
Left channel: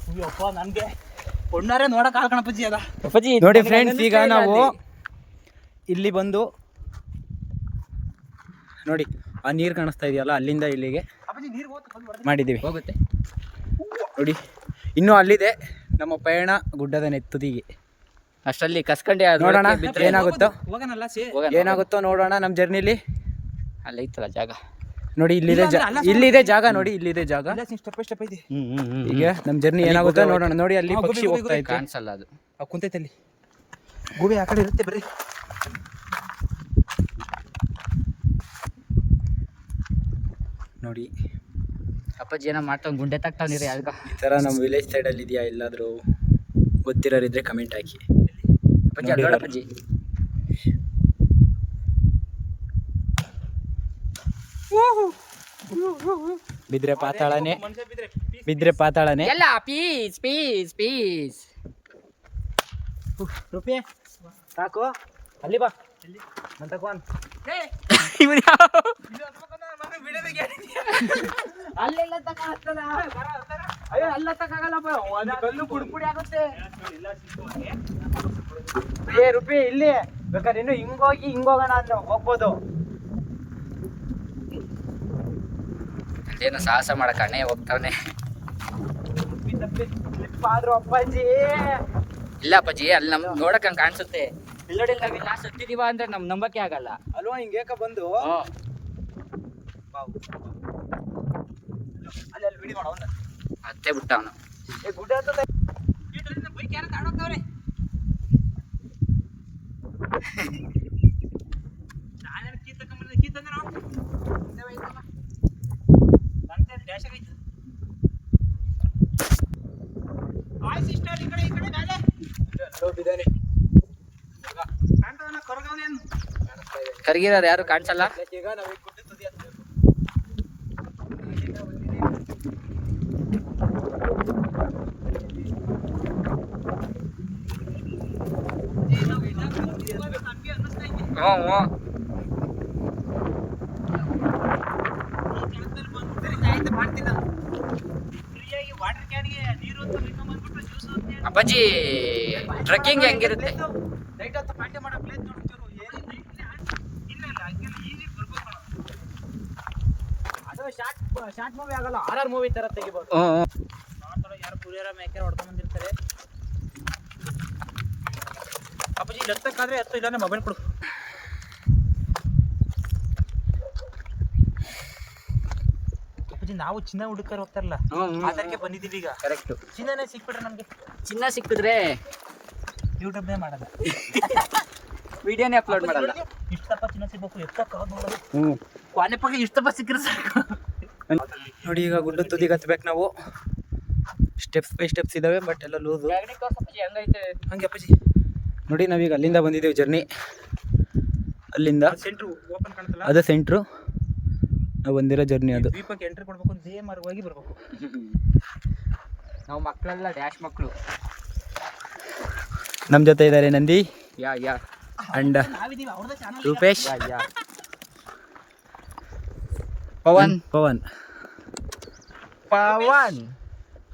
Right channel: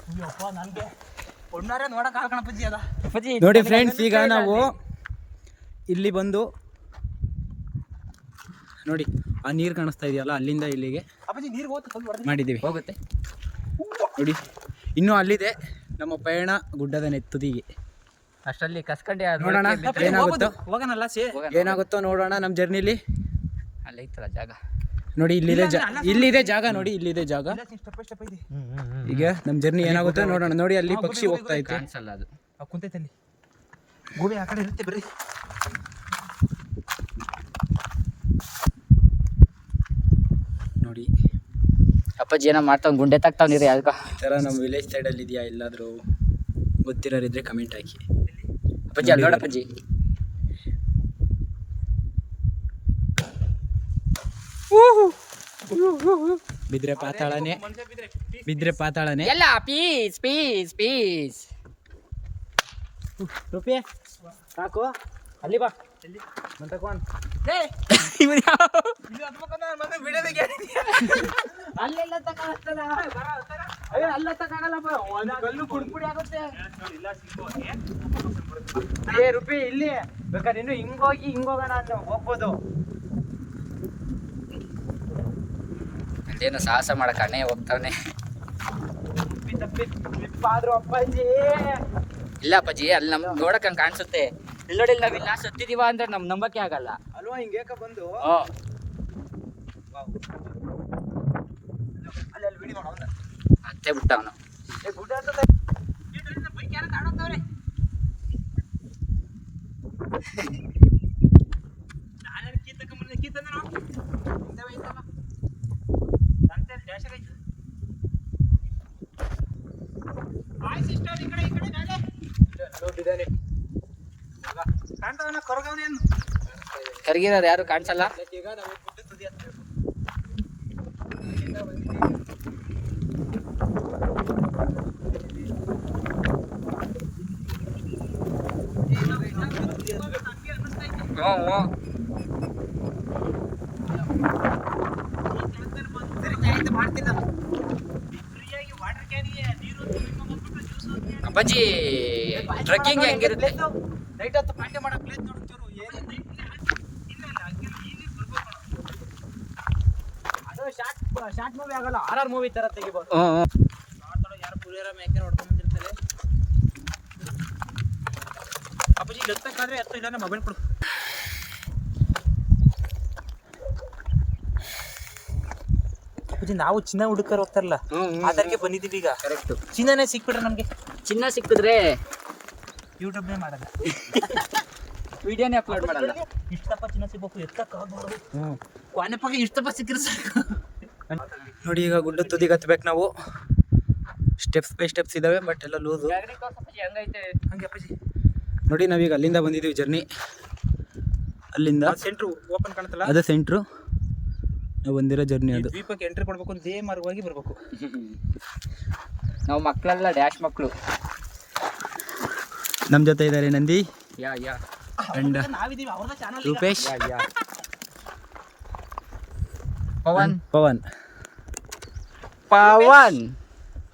S2: ಅಯ್ಯಪ್ಪ ನನಗೆ ಒಣ್ಣಾರೆ ನೋಡಕ್ ಕಣಪ್ಪಜ್ಜಿ ಅದ.
S3: ಅಪ್ಪಾಜಿ
S4: ನೋಡಿ ಫ್ರೆಂಡ್ಸ್ ಈಗ ನಾವು ಇಲ್ಲಿ ಬಂದು ನೋಡಿ ಆ ನೀರು ಕಾಣಿಸ್ತಾ ಇದೆಯಲ್ಲ ಅಲ್ಲಿಂದ ಇಲ್ಲಿಗೆ
S2: ಅಪ್ಪಾಜಿ ನೀರು
S4: ಮಾಡಿದ್ದೀವಿ.
S3: ಹೋಗುತ್ತೆ.
S4: ನೋಡಿ ಇನ್ನೂ ಅಲ್ಲಿದೆ ನಮ್ಮ ಪಯಣ ಗುಡ್ಡದ ನೆತ್ತುದಿಗೆ.
S3: ಅಷ್ಟರಲ್ಲಿ ಕಸ್ಕಂಡೆ
S4: ನೋಡೋಣ ಏನಾಗುತ್ತೋ?
S2: ಹೋಗೋಣಲ್ಲ ಸೇ.
S4: ಏನಾಗುತ್ತೋ ನೋಡೋಣ ನಮ್ಮ ಜರ್ನಿಲಿ.
S3: ಅಲ್ಲಿ ಐತಲ್ಲ ಜಾಗ.
S4: ನೋಡಿ ಇಲ್ಲಿದೆ ಜಾ ಇಲ್ಲಿದೆ ಜಾಗ ನೋಡಿ ಇಲ್ಲಿದೆ ಜಾಗ.
S2: ಸ್ಟೆಪ್ ಬೈ ಸ್ಟೆಪ್ ಇದೆ.
S4: ಈಗ ನಮ್ಮ ಜರ್ನಿ ಏನಾಗುತ್ತೋ ನೋಡೋಣ. ನೋಡಿ ಅಲ್ಲಿ ಪಕ್ಷಿ ಹೋಗ್ತಾ ಇತ್ತು.
S3: ಕಾಣಿಸಲ್ಲ ಅದು.
S2: ಆ ಕುಂತೈತೆ ಅಲ್ಲಿ. ಗೂಬೆ ಆ ಕಡೆ ಇರುತ್ತೆ ಬರ್ರಿ.
S4: ನೋಡಿ.
S3: ಅಪ್ಪಾಜಿ ಏನೋ ಮಾಡ್ತಾವ್ ಗುಂಡೆ ತಾಕ್ತಾವ್ ನೀರಿ ಅದಕ್ಕೆ
S4: ಈ ಥರ ನಮ್ಮ ವಿಲೇಜ್ ಸೈಡಲ್ಲಿ ಇದೆಯಾ? ಎಲ್ಲಾದರೂ ಗೊತ್ತಿರೋರಿದ್ರೆ ಕಮೆಂಟ್ ಹಾಕಿ.
S3: ಅಲ್ಲಿ ನೋಡು ಅಪ್ಪಾಜಿ
S4: ಬಿದ್ರೆ ಪಾತಾಳನೆ ಬಿದ್ರೆ ಪಾತಾಳನೆ
S3: ಎಲ್ಲ ಪೀಸ್ ಪೀಸ್ ಪೀಸ್
S4: ರೂಪಿ ಸಾಕು ಅಲ್ಲಿ ಬಾ
S3: ಅಲ್ಲೆಲ್ಲ
S4: ಅಯ್ಯೋ ಅಲ್ಲ ಕಲ್ಲು ಆಗುತ್ತೆ ಏ ಇಲ್ಲಿ ಬೇಕಾದ್ರೆ ಇನ್ನು ಹಿಂಗೋಗಿ ಹಿಂಗೋಗೋಣ ಅಂದ್ರೆ ಹೋಗ್ಬೋದು
S3: ಅಲ್ಲೇನು ಸಾಹಸ ಮಾಡಕ್ ಅಣ್ಣೆ ಹೋಗ್ತಾವನೆ
S4: ತಪ್ಪಿ ತಪ್ಪಿ ಆದ್ರು ಅಪ್ಪಾಜಿ
S3: ಇಲ್ಲ ಅಪ್ಪಾಜಿ ಅಲ್ಲಿ ನಮ್ ನೋಡಕ್ ಹಂಗ್ ಕಾಣಿಸುತ್ತೆ ಇಲ್ಲಿ. ನೋಡಿ ನಾವ್ ಇಲ್ಲ ಸತ್ತಿದೀವ ಅಂದ್ರೆ ನಮ್ ನಂಬಕ್ಕೆ ಆಗಲ್ಲ.
S4: ಅಲ್ವಾ ಯಾಕ ಬಂದು?
S3: ಹ್ಮ್.
S4: ಅಲ್ಲಿ ಬಿಡಿ ಮಾಡೋಣ
S3: ಅತ್ತೆ ಬಿಟ್ಟ ಅವನು
S4: ಗುಡ್ಡ ಹತ್ತದ. ಬೈಕ್ ಯಾರು ತಗೊಂಡೋಗ್ತಾವ್ರೆ? ನಾನೇನ್ ಕೀ ತಗೊಂಬಂದೆ, ಕೀ ತಂದೆ ನಾವು? ಇಲ್ಲೇ ಐತಲ್ಲ. ನಂದೇ dash ಆಗೈತೆ. ಹಾಯ್ sister, ಈ ಕಡೆ, ಈ ಕಡೆ ಮೇಲೆ. ಹೋಗಿದ್ದಾನೆ. ಆಗ ಕಾಣ್ತಾವನ ಕೊರಗವ್ನೆ ಅಂದು.
S3: ಕರ್ಗಿರೋರು ಯಾರು ಕಾಣಿಸಲ್ಲ
S4: ಈಗ ನಾವು ಗುಡ್ಡದ ತುದಿ ಹತ್ತೀವಿ.
S3: ಹ್ಞೂ ಹ್ಞೂ
S4: ಫ್ರೀಯಾಗಿ ವಾಟರ್ ಕ್ಯಾನಿಗೆ ನೀರು ಅಂತ ತಗೊಂಡ್ಬಂದ್ಬಿಟ್ಟು ಯಾರು ಕಾಣಿಸಲ್ಲ?
S3: ಅಪ್ಪಾಜಿ ಟ್ರಕ್ಕಿಂಗ್ ಹೆಂಗಿರುತ್ತೆ
S4: ನೈಟ್ ಹೊತ್ತು ಪಾರ್ಟಿ ಮಾಡೋ ಪ್ಲೇಸ್ ನೋಡ್ತಿರು ಏನು ಇಲ್ಲ ಇಲ್ಲ ಹಂಗಿಲ್ಲ ಇಲ್ಲಿ ಬರ್ಬೇಕು ಅದು ಶಾರ್ಟ್ ಮೂವಿ ಆಗಲ್ಲ ಆರ್ ಆರ್ ಮೂವಿ ತರ ತೆಗಿಬೋದು. ಯಾರು ಪುಳಿಯರ ಮೇಕರ್ ಹೊಡ್ಕೊಂಡ್ ಬಂದಿರ್ತಾರೆ.
S2: ಅಪ್ಪಾಜಿ ಇಲ್ಲಿ ಹತ್ತಕ್ಕಾದ್ರೆ ಹತ್ತು ಇಲ್ಲ ಮೊಬೈಲ್ ಕೊಡು. ಅಪ್ಪಾಜಿ ನಾವು ಚಿನ್ನ ಹುಡುಕರ್ ಹೋಗ್ತಾರಲ್ಲ ಅದಕ್ಕೆ ಬಂದಿದ್ದೀವಿ ಈಗ.
S3: ಕರೆಕ್ಟ್
S2: ಚಿನ್ನನೇ ಸಿಕ್ಬಿಟ್ರೆ ನಮ್ಗೆ?
S3: ಚಿನ್ನ ಸಿಕ್ಕಿದ್ರೆ
S2: ಯೂಟ್ಯೂಬ್ನೇ ಮಾಡಲ್ಲ.
S3: ವಿಡಿಯೋನೇ ಅಪ್ಲೋಡ್ ಮಾಡಲ್ಲ.
S2: ಇಷ್ಟಪ್ಪ ಚಿನ್ನ ಸಿಗ್ಬೇಕು ಎತ್ತಕ್ಕ ನೋಡು
S3: ಹ್ಮ್.
S2: ಕೊನೆ ಪಕ್ಕ ಇಷ್ಟಪ್ಪ ಸಿಕ್ಕಿದ್ರೆ ಸಾಕು. ನೋಡಿ ಈಗ ಗುಡ್ಡ ತುದಿಗೆ ಹತ್ಬೇಕು ನಾವು. ಸ್ಟೆಪ್ಸ್ ಬೈ ಸ್ಟೆಪ್ಸ್ ಇದಾವೆ ಬಟ್ ಎಲ್ಲ ಲೂಸು. ಹಂಗೆ ಅಪ್ಪಾಜಿ. ನೋಡಿ ನಾವೀಗ ಅಲ್ಲಿಂದ ಬಂದಿದ್ದೀವಿ ಜರ್ನಿ ಅಲ್ಲಿಂದ ಸೆಂಟ್ರು ಓಪನ್ ಕಾಣುತ್ತಲ್ಲ?
S4: ಅದೇ ಸೆಂಟ್ರು ನಾವು ಬಂದಿರೋ ಜರ್ನಿ ಅದು.
S2: ದ್ವೀಪಕ್ಕೆ ಎಂಟ್ರಿ ಕೊಡ್ಬೇಕು ಇದೇ ಮಾರ್ಗವಾಗಿ ಬರಬೇಕು.
S3: ನಾವು ಮಕ್ಕಳೆಲ್ಲ ಡ್ಯಾಶ್ ಮಕ್ಕಳು.
S4: ನಮ್ಮ ಜೊತೆ ಇದ್ದಾರೆ ನಂದಿ
S3: ಯಾ ಯಾ.
S4: ಅಂಡ್
S2: ನಾವಿದೀವಿ ಅವ್ರದ್ದು channel
S4: Rupesh.
S3: Yeah yeah. Pavan.
S4: Pavan.
S3: Pavan.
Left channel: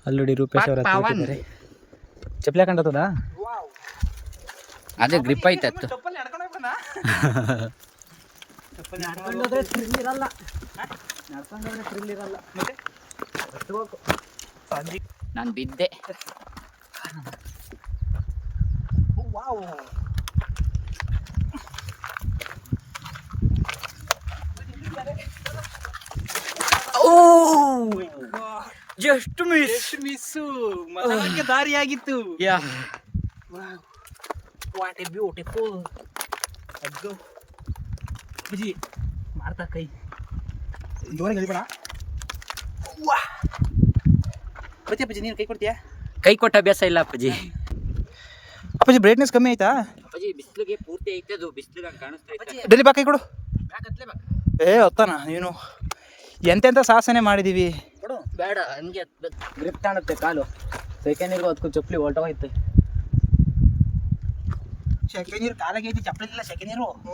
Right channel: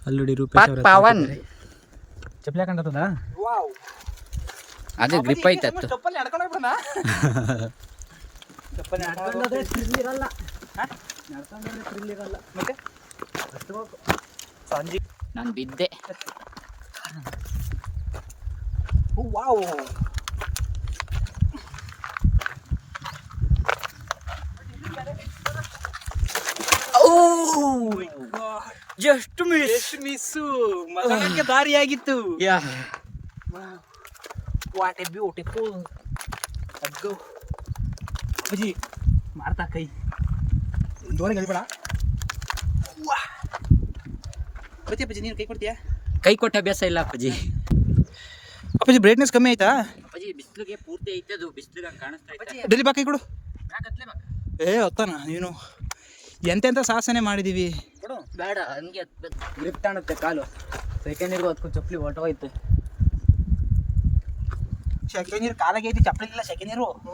S4: ಅಲ್ಲಿ ನೋಡಿ ರೂಪೇಶ್ ಅವರ
S3: ಪವನ್.
S4: ಚಪ್ಪಲಿ ಹಾಕೊಂಡದ
S3: ಅದೇ ಗ್ರಿಪ್ ಐತತ್ತು
S2: ಚಪ್ಪಲಿ ನಡ್ಕೊಂಡು ಹೋಗ್ಬಿಡೋಣ.
S4: ನಡ್ಕೊಂಡೋದ್ರೆ ಥ್ರಿಲ್ ಇರಲ್ಲ. ನಡ್ಕೊಂಡೋದ್ರೆ ಥ್ರಿಲ್ ಇರಲ್ಲ.
S2: ಮತ್ತೆ? ಸಂಜೆ
S3: ನಾನು ಬಿದ್ದೆ.
S2: ವಾವ್.
S3: ಜಸ್ಟ್ ಮಿಸ್
S2: ಎಷ್ಟು ಮಿಸ್ಸು ಮತಕ್ಕೆ ದಾರಿಯಾಗಿತ್ತು
S3: ಯಾ.
S2: ವಾಟ್ ಎ ಬ್ಯೂಟಿಫುಲ್ ಅದು ಅಜ್ಜಿ ಮಾರ್ತಾ ಕೈ. ದೋಣಿ ಗಳಿಬೇಡ ವಾ ಬತ್ತಿ ಅಪ್ಪಾಜಿ ನೀನು ಕೈ ಕೊಡ್ತೀಯಾ?
S3: ಕೈ ಕೊಟ್ಟ ಅಭ್ಯಾಸ ಇಲ್ಲ ಅಪ್ಪಾಜಿ.
S2: ಅಪ್ಪಾಜಿ ಬ್ರೈಟ್ನೆಸ್ ಕಮ್ಮಿ ಆಯ್ತಾ?
S3: ಅಪ್ಪಾಜಿ ಬಿಸಿಲಿಗೆ ಪೂರ್ತಿ ಐತೆ ಅದು ಬಿಸಿಲಿಗೆ ಕಾಣಿಸ್ತಾ ಐತೆ.
S2: ಡೆಲ್ಲಿ ಬಾ ಕೈ ಕೊಡು. ಏ ಹೊತ್ತಾನ ನೀನು? ಎಂತೆಂಥ ಸಾಹಸನೆ ಮಾಡಿದೀವಿ?
S3: ಬೇಡ ಹಂಗೆ
S4: ಗ್ರಿಪ್ ಕಾಣುತ್ತೆ ಕಾಲು. ಸೆಕೆಂಡ್ ಇರ್ಗೆ ಹೊತ್ಕೊಂಡು ಚಪ್ಪಲಿ ಹೊಲ್ಟೋಗೈತೆ
S2: ಸೆಕೆಂಡ್ ನೀರು ಕಾಲಾಗೆ ಐತಿ ಚಪ್ಪಲಿ ಇಲ್ಲ ಸೆಕೆಂಡ್ ನೀರು ಹಬ್ಬ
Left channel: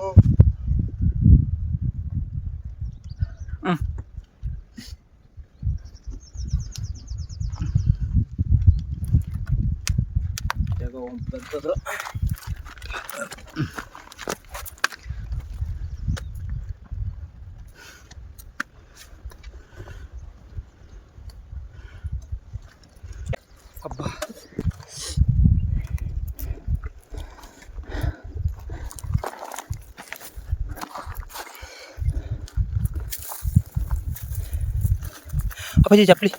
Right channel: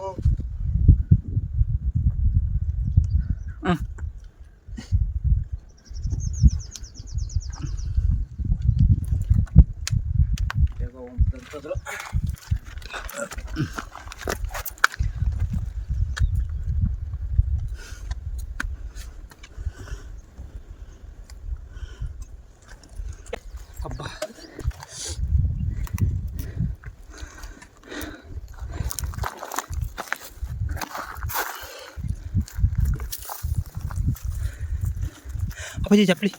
S2: ಅಪ್ಪಾಜಿ ಚಪ್ಪಲಿ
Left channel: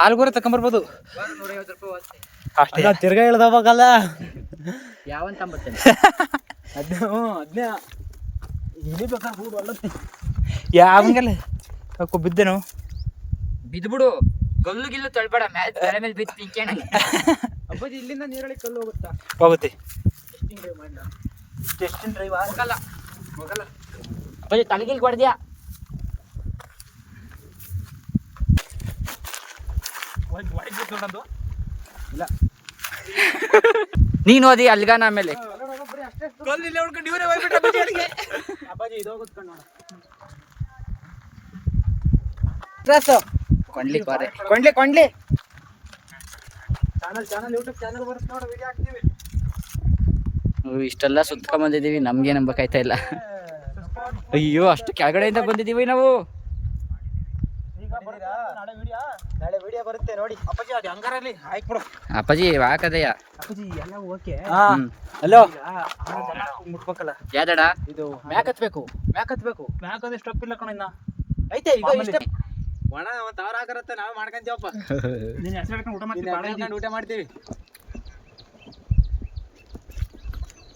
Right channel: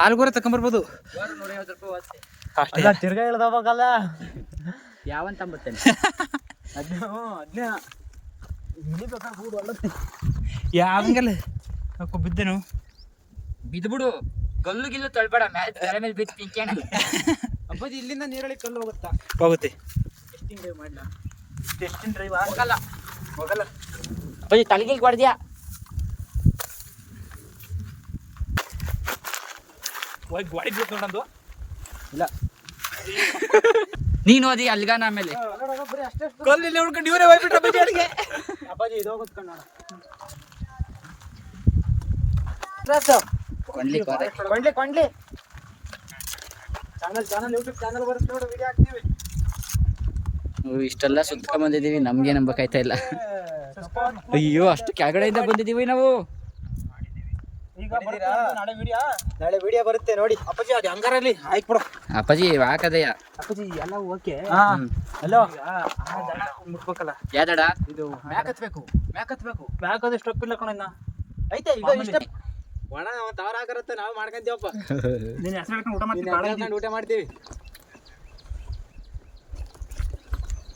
S2: ಹಾಲು
S3: ನೂರೈವತ್ತು ರೂಪಾಯಿ ಅಷ್ಟೇ
S4: ತಿರ್ಗಾ ಅವಾಗಲ್ಲ
S3: ಯಾವಂತ ಅಂಬತ್ತೇನೆ
S2: ಯಾವಂಗಲ್ಲ ಕೊ ಬಿದ್ದೆನು
S3: ಬಿದ್ಬಿಡು ಗಲ್ಲು ಗಿಲ್ಲು ತಳ್ಬೇಡ ಮೇಲೆ ಮೇಲೆ ಬಿದ್ದು ತಿಂಕೇಣ
S4: ಅಬ್ಬದಿ ಇಲ್ಲಿಂದ ನೀರಳಿ ಕಲ್ಲು ಹೋಗುತ್ತಾ
S2: ಹೋಗುತ್ತೆ
S4: ಟೆಸ್ಟಿಂಗ್ ಡ್ರೈವ್ ಮಾಡಲ್ಲ
S2: ಟೆಸ್ಟಿಂಗ್ ಡ್ರೈವ್ ಆಗಲ್ಲ
S4: ಹೋಗಲ್ಲ
S2: ಗಾಡಿ ಬೇಕು ನಂದು
S4: ಇಲ್ಲ.
S3: ನೀನು ಓದಿ ಅಲ್ಗಾನ ಆಮೇಲೆ.
S2: ಕಲ್ಲಿಲ್ಲಿ ಉಳ್ಕೊಂಡು ಇವರೇ ಹೋಗ್ಬಿಟ್ರೆ
S4: ಅಪ್ಪಾಜಿ ಇದು
S3: ಕೊಂಡ್ಲಿ ಕೋರೆ
S2: ಕೊಂಡ್ಲಿ ಕೊಂಡ್ಲಿ.
S4: ಚಾನಲ್ ಚಾನಲ್ ಯೂಟ್ಯೂಬ್ ಚಾನಲ್ ಬರುತ್ತೆ ನೋಡಿ ವಿಡಿಯೋ ಹಾಕ್ತೀವಿ.
S3: ಇಷ್ಟೆಲ್ಲ ಸುತ್ಕೊಂಡ್ ಬಂದಿದೀವಿ ನಮ್ಗೆ ನಂಬಕಾಯ್ತಾ ಇಲ್ಲ. ಅಯ್ಯೋ ಅಷ್ಟು ಕೆಳಗಡೆಯಿಂದ ಬಂದಿದೀವಿ ನಾವು.
S2: ಈಗ ಬರುತ್ತೆ ನಾಳೆ ವಿಡಿಯೋ
S4: ನಾಳೆ ವಿಡಿಯೋ ಬರುತ್ತೆ ನೋಡಿ.
S2: ಅಪ್ಪಾಜಿ ಅದು ಹಂಗಾರಲ್ಲಿ ಆಯ್ತು ಬಿಡು.
S3: ಅಪ್ಪಾಜಿ ಹಾಕದಯ್ಯ
S4: ಅಪ್ಪಾಜಿ ಎಲ್ಲ ಓಕೆ
S2: ಹಲೋ ಆ ದಡ ಮುಟ್ಬೇಕಲ್ಲ.
S3: ಯಾದಡ
S4: ಇದು
S2: ಮ್ಯಾಕ್ ಹತ್ಬೇಕು ಮ್ಯಾಕ್ ಹತ್ಬೇಕು. ಮ್ಯಾಕ್ ಅದು ಸ್ಟೆಪ್ ಇಲ್ಲ ಕಣ ಇನ್ನ.
S4: ಐತೆ ಒಣ ಒಂದ್ ಹಾಕರತ್ತೆ ನಾವೇ ಮಾಡ್ಕೊಂತೀವಪ್ಪ.
S2: ನೀನ್ ಹೆಸರು ಊಟ
S4: ಮಾಡ್ತೀವಿ.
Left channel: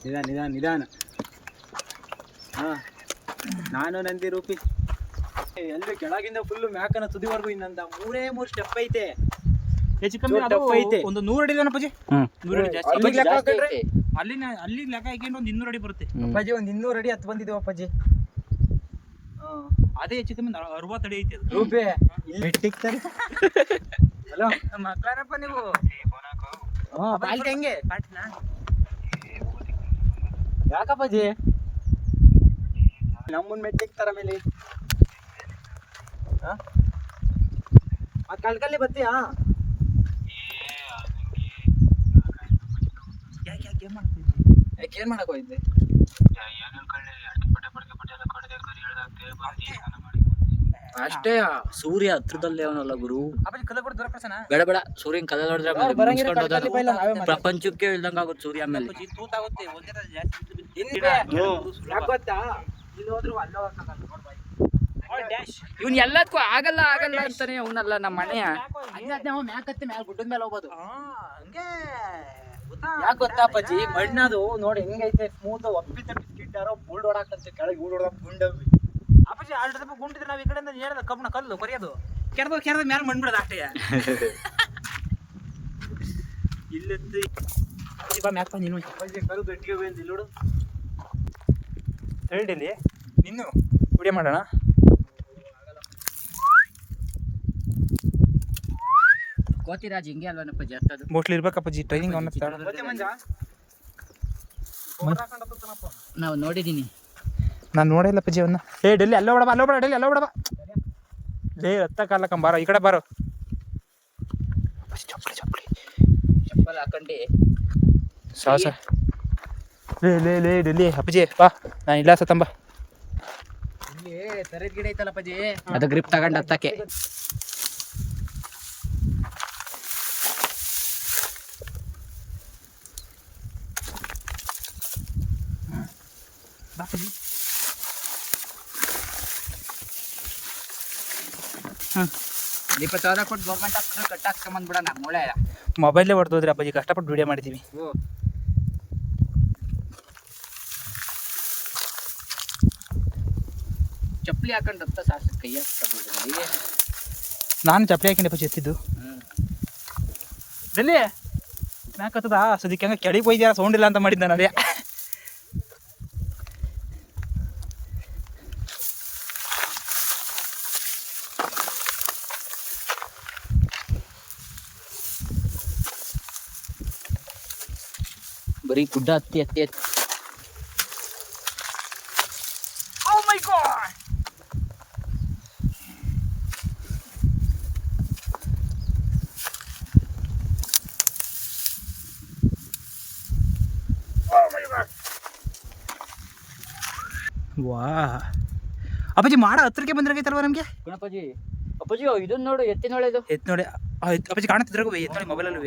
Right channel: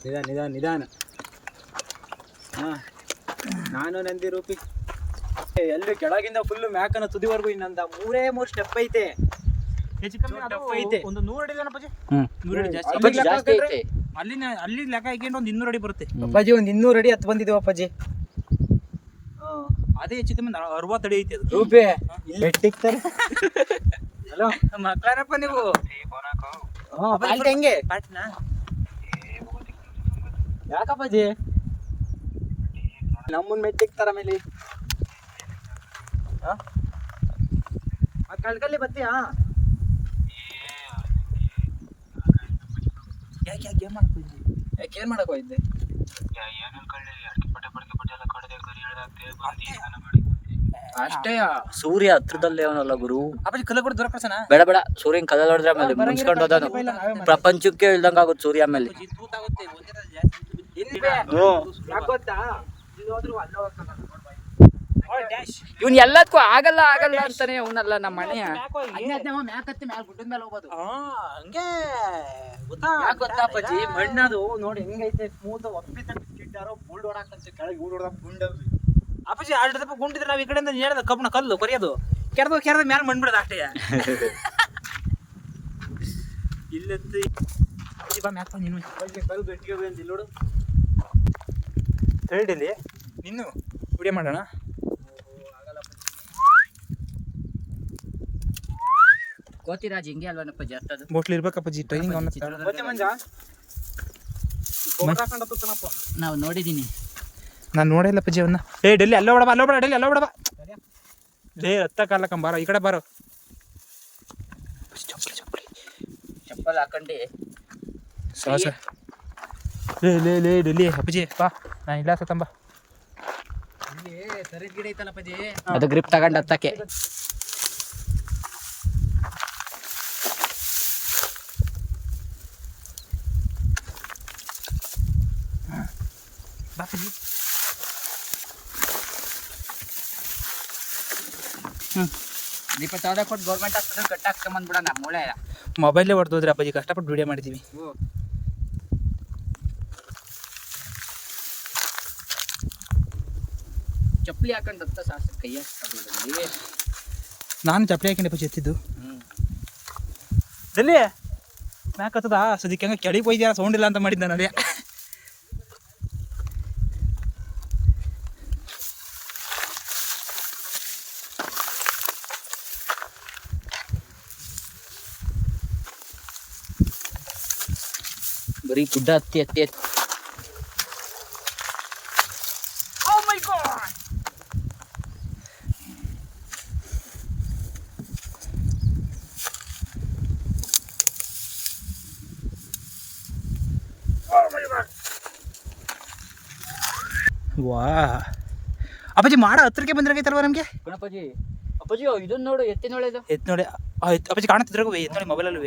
S4: ನಿಧಾನ ನಿಧಾನ ನಿಧಾನ. ಹಾ. ನಾನು ನಂದಿ ರೂಪಿ. ಎಲ್ಲಿ ಕೆಳಗಿಂದ ಫುಲ್ ಮ್ಯಾಕನ ತುದಿವರೆಗೂ ಇನ್ನೊಂದ ಮೂರೇ ಮೂರು ಸ್ಟೆಪ್ ಐತೆ.
S2: ಹೆಚ್ಚು ಕಮ್ಮಿ ಅದು
S4: ಐತೆ.
S2: ಒಂದು ನೂರು ಅಡಿ ಇದೆ ಅಪ್ಪಾಜಿ? ನೂರು ಅಡಿ ಜಾಸ್ತಿ.
S4: ಅಪ್ಪಾಜಿ
S2: ಅಲ್ಲಿ
S3: ಜಾಸ್ತಿ ಐತೆ.
S2: ಅಲ್ಲಿನ ಅಲ್ಲಿ ಲೆಕ್ಕ ಹಾಕೊಂಡು ಒಂದು ಇನ್ನೂರು ಅಡಿ ಬರುತ್ತೆ.
S4: ಅಪ್ಪಾಜಿ ಒಂದು ಇನ್ನೂರು ಅಡಿ ಹತ್ತು ಬಂದಿದ್ದೀವಿ ಅಪ್ಪಾಜಿ.
S2: ಅದೇ ಹೆಚ್ಚು ಕಮ್ಮಿ ಅರವತ್ತು ಅಡಿ ಐತೆ ಅದು.
S4: ರೂಪಿ. ಇಲ್ಲಿ. ಸಿಗ್ತಾರೆ ಹಲೋ?
S2: ಮಕ್ಕಳಪ್ಪ ನೀವು.
S4: ಹಾ ಪಾಲ್ಟಿ ಹೆಂಗೆ? ಯಾಕಪ್ಪಾಜಿ? ನಮ್ಮನ್ ಮೆಚ್ಚಿಕ್ತಾರ ಮೇಲೆ. ಕಳ್ಕಲ್ಲಿ ಬತ್ತೀಯಾ
S2: ಯಾಕೆ ಯಾಕೆ ಏನ್ ಮಾಡ್ತಿದ್ದಿ?
S4: ಯಾಕೆ ಏನ್ ಮಾಡಕ್ ಹೋಗಿದ್ದೆ?
S3: ಅಷ್ಟೇ ಸೂರ್ಯ ಹತ್ರದಲ್ಲೇ ಅವನಲ್ಲ ಗುರು. ಬೇಡ ಬೇಡ ಸೂರ್ಯನ್ ಕಲ ಹೊಡೆದ್ರೆ ಮೇಲೆ ಮುನ್ಸ್ಕೊಂಡು ಹೋದ
S2: ನಾವೇ ಮಾಡಿ
S3: ಪ್ರಪಂಚಕ್ಕೆ ಇಲ್ದಂಗಾಗುತ್ತೆ ಸೂರ್ಯ ಮೇಲೆ ಇವ್ನ್ ಎಲ್ಲದಕ್ಕೂ ಆಗಲ್ಲ ಆಗಲ್ಲ ಅಂತಾನೆ ಅವನಲ್ಲ ನಮ್ಮ ಮನೆಯ.
S4: ಅದ್ನೇ ಅವ ಮ್ಯಾಕ್ ಮ್ಯಾಲ್ ಗುಡ್ಡದ ಮೇಲೆ ಹೋಗೋದು.
S2: ಹಂಗೆ ಗೊತ್ತಾ?
S4: ಯಾಕೆ ಗೊತ್ತಾ ಅಪ್ಪಾಜಿ? ಮಣ್ಣದು ನೋಡಿ ಹೆಂಗೈತೆ ಸ್ಮೂತ್ ಒಪ್ಪಿ ತಟ್ಟಿ ಕಿಟ್ಟಾರೋ ಬುಲ್ಡ್ ಹೊಡಾಕಂತೆ ಕೆಳಗೆ ಬುಲ್ಡ್ ಹೊಡಕ್ ಗುಂಡವಿ
S2: ಅಪ್ಪಾಜಿ ಆಲ್ರೆಡಿ ದಪ್ಪ ಗುಂಡಿದ್ರೆ ನಾವು ಈ ಕಡೆಯಿಂದ ನೇರದ ಕಬ್ಬಣ ಕಲ್ಲು ಕೊರಿಯೋದು. ಕೆರೆದು ಕೆರೆದ ಮ್ಯಾಲ ಮಣ್ಬಿಡೋದು ಅಷ್ಟೇ. ಇಲ್ಲೆತ್ತಿ. ಮ್ಯಾಕ್ ನೀನು.
S4: ಅಪ್ಪಾಜಿ ಕಲ್ ಗಟ್ಟಿಗೆ ಬಂದಿಲ್ಲ ಇಲ್ಲಿ ನೋಡು.
S2: ಹೇಳಿಲ್ಲಿ ನಿನ್ನು ವಿಡಿಯೋ ಮಾಡೋಣ?
S3: ಕೋತಿರಾಜ್ ಹಿಂಗೆ ಅಲ್ವನಪ್ಪ ಜರ್ತದು
S2: ಬೋಟ್ಲಿ ಇರ್ಬೇಕಪ್ಪಾಜಿ ಟ್ರೈನಿಂಗ್ ಅವನ
S3: ನಾವು ನೋಡಿದ್ದೀನಿ
S2: ನಾನು ನೋಡಿಲ್ಲ ಅಪ್ಪಾಜಿ ಅವನ್ನ ಏ ಡೆಲ್ಲಿ ಅಲ್ಲೋ ಬಿಡಬ ಅಲ್ಲೋ ಬಿಡ ಡೆಲ್ಲಿ ಅಲ್ಲೋ ಬಿಡಬ ಲೇ ರತ್ತ ಕಾಲ ಕಂಬಾರ ಈ ಕಡೆ ಬಾರೋ. ಚಪ್ಪಲಿ ಚಪ್ಪಲಿ ಚಪ್ಪಲಿ.
S3: ಚಪ್ಪಲ್ ಹಾಕೊಂಡಿ.
S2: ಸಾಸ ಲೇ ಲೇ ಲೇ ಡೆಲ್ಲಿ ಅಪ್ಪಜಿ ಬಾ. ನಾನು ಇಲ್ಲ ಸತ್ತಂಬ
S4: ಇಲ್ಲಿ ತೆರೆದ ಗಿಡ ಐತಲ್ಲ ಅಪ್ಪಾಜಿ
S3: ಅದು ಗ್ರಿಪ್ ತಗೊಂಡ್ ಹತ್ತಕ್ಕೆ.
S2: ಬಾ ಅಪ್ಪಾಜಿ
S3: ಇಪ್ಪತ್ತು ಸಾವಿರ ಕೊಟ್ಟು ಗೌರ್ಮೆಂಟ್ ಹಾಸ್ಪಿಟಲ್ ಕಟ್ ಹಾಕ್ಸ್ಕೊಂಬಂದ್ಬಿಡೋಣ ಮೂಳೆ.
S2: ಮೊಬೈಲೇ ಹೊಡೆದೋದ್ರಿ ಅಪ್ಪಾಜಿ ಕಷ್ಟಪಟ್ಟು ವಿಡಿಯೋ ಮಾಡಿದ್ದೀವಿ
S3: ಚಪ್ಪಲಿ ಹಾಕೊಂಡು ಹತ್ತ ಸಾಸ ಕೈ ಹಾಕಿ
S2: ನಾನು ಚಪ್ಪಲಿ ಹಾಕಿಂಡೆ ಎತ್ತಿದ್ದು. ಡೆಲ್ಲಿ ಮ್ಯಾಕ್ ಹತ್ತದ? ಸದ್ಯಕ್ಕೆ ಹಂಗೆ ಕೆಳಗೆ ಸೌಂಡ್ ಇಲ್ಲ ಅಂತ ಮಾಡಿದ್ದೆ ನಾನು ಅದೇ
S3: ಬರೀ ಗುಡ್ಡ ಹತ್ತಿ ಹತ್ತಿ ಹತ್ತಿ.
S2: ವಾ ಅಪ್ಪಾಜಿ ಮಾಡ ಹತ್ರಕ್ಕೆ ಬಂದಿರಾಗೈತಲ್ವ ನಮಗೆ?
S3: ಗಣಪಾಜಿ ಅಪ್ಪಾಜಿ ಇದನ್ನ ನೋಡು ಎತ್ತಿ ನೋಡಿದು
S2: ಎತ್ ನೋಡಿ ಅಪ್ಪಾಜಿ ಕಾಣುತ್ತಿದ್ರಾಗೂ ಎತ್ ನೋಡಿ ಮೊಬೈಲಲ್ಲೂ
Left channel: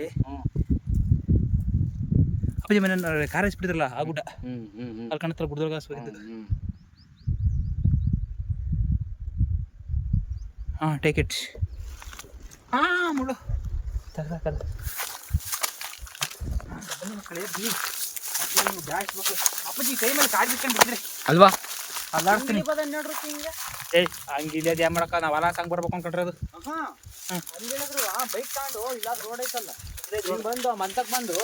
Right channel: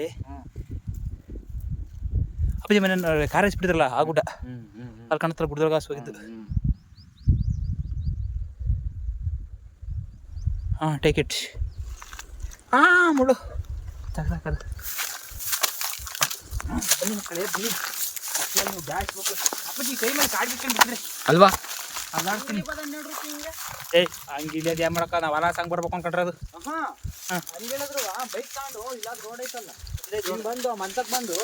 S2: ಅಪ್ಪಾಜಿ ಮನೆ ಕಾರ್ ಹಚ್ಬಿಟ್ಟಿದ್ರಲ್ಲ ಆ ಗುಡ್ಡ.
S3: ಹ್ಮ್ ಕಾಣತ್ತಲ್ಲ ಹ್ಮ್.
S2: ಅಲ್ಲಿ ಕಾಣುತ್ತಲ್ಲ ಗುಡ್ಡದಾಗ ಹೋಗಿದ್ದು. ಹಾ ಟೇಕ್ ಇಟ್ ಹಾಂ ಮುಳು ತಗ್ಲಾಕದ
S3: ಅಲ್ವಾ?
S2: ಅಲ್ಲಾಡ್ತೀನಿ ಏಯ್ ಹಂಗಿಲ್ಲ ಏನು ಮಾಡಕ್ಕ ನಾವು ಹೊಲ ಸಂಗ್ ಬರ್ಬೇಕು ಅನ್ಕೊಂಡ್ರೆ ಅದು.
S4: ಬೈಕ್ ತಗೊಂಡು ಇಲ್ಲ ರೋಡ್ ಐತಲ್ಲ. ಹಿಂಗ್ ಬಂದು ಮಂತಕ್ ಬಂದು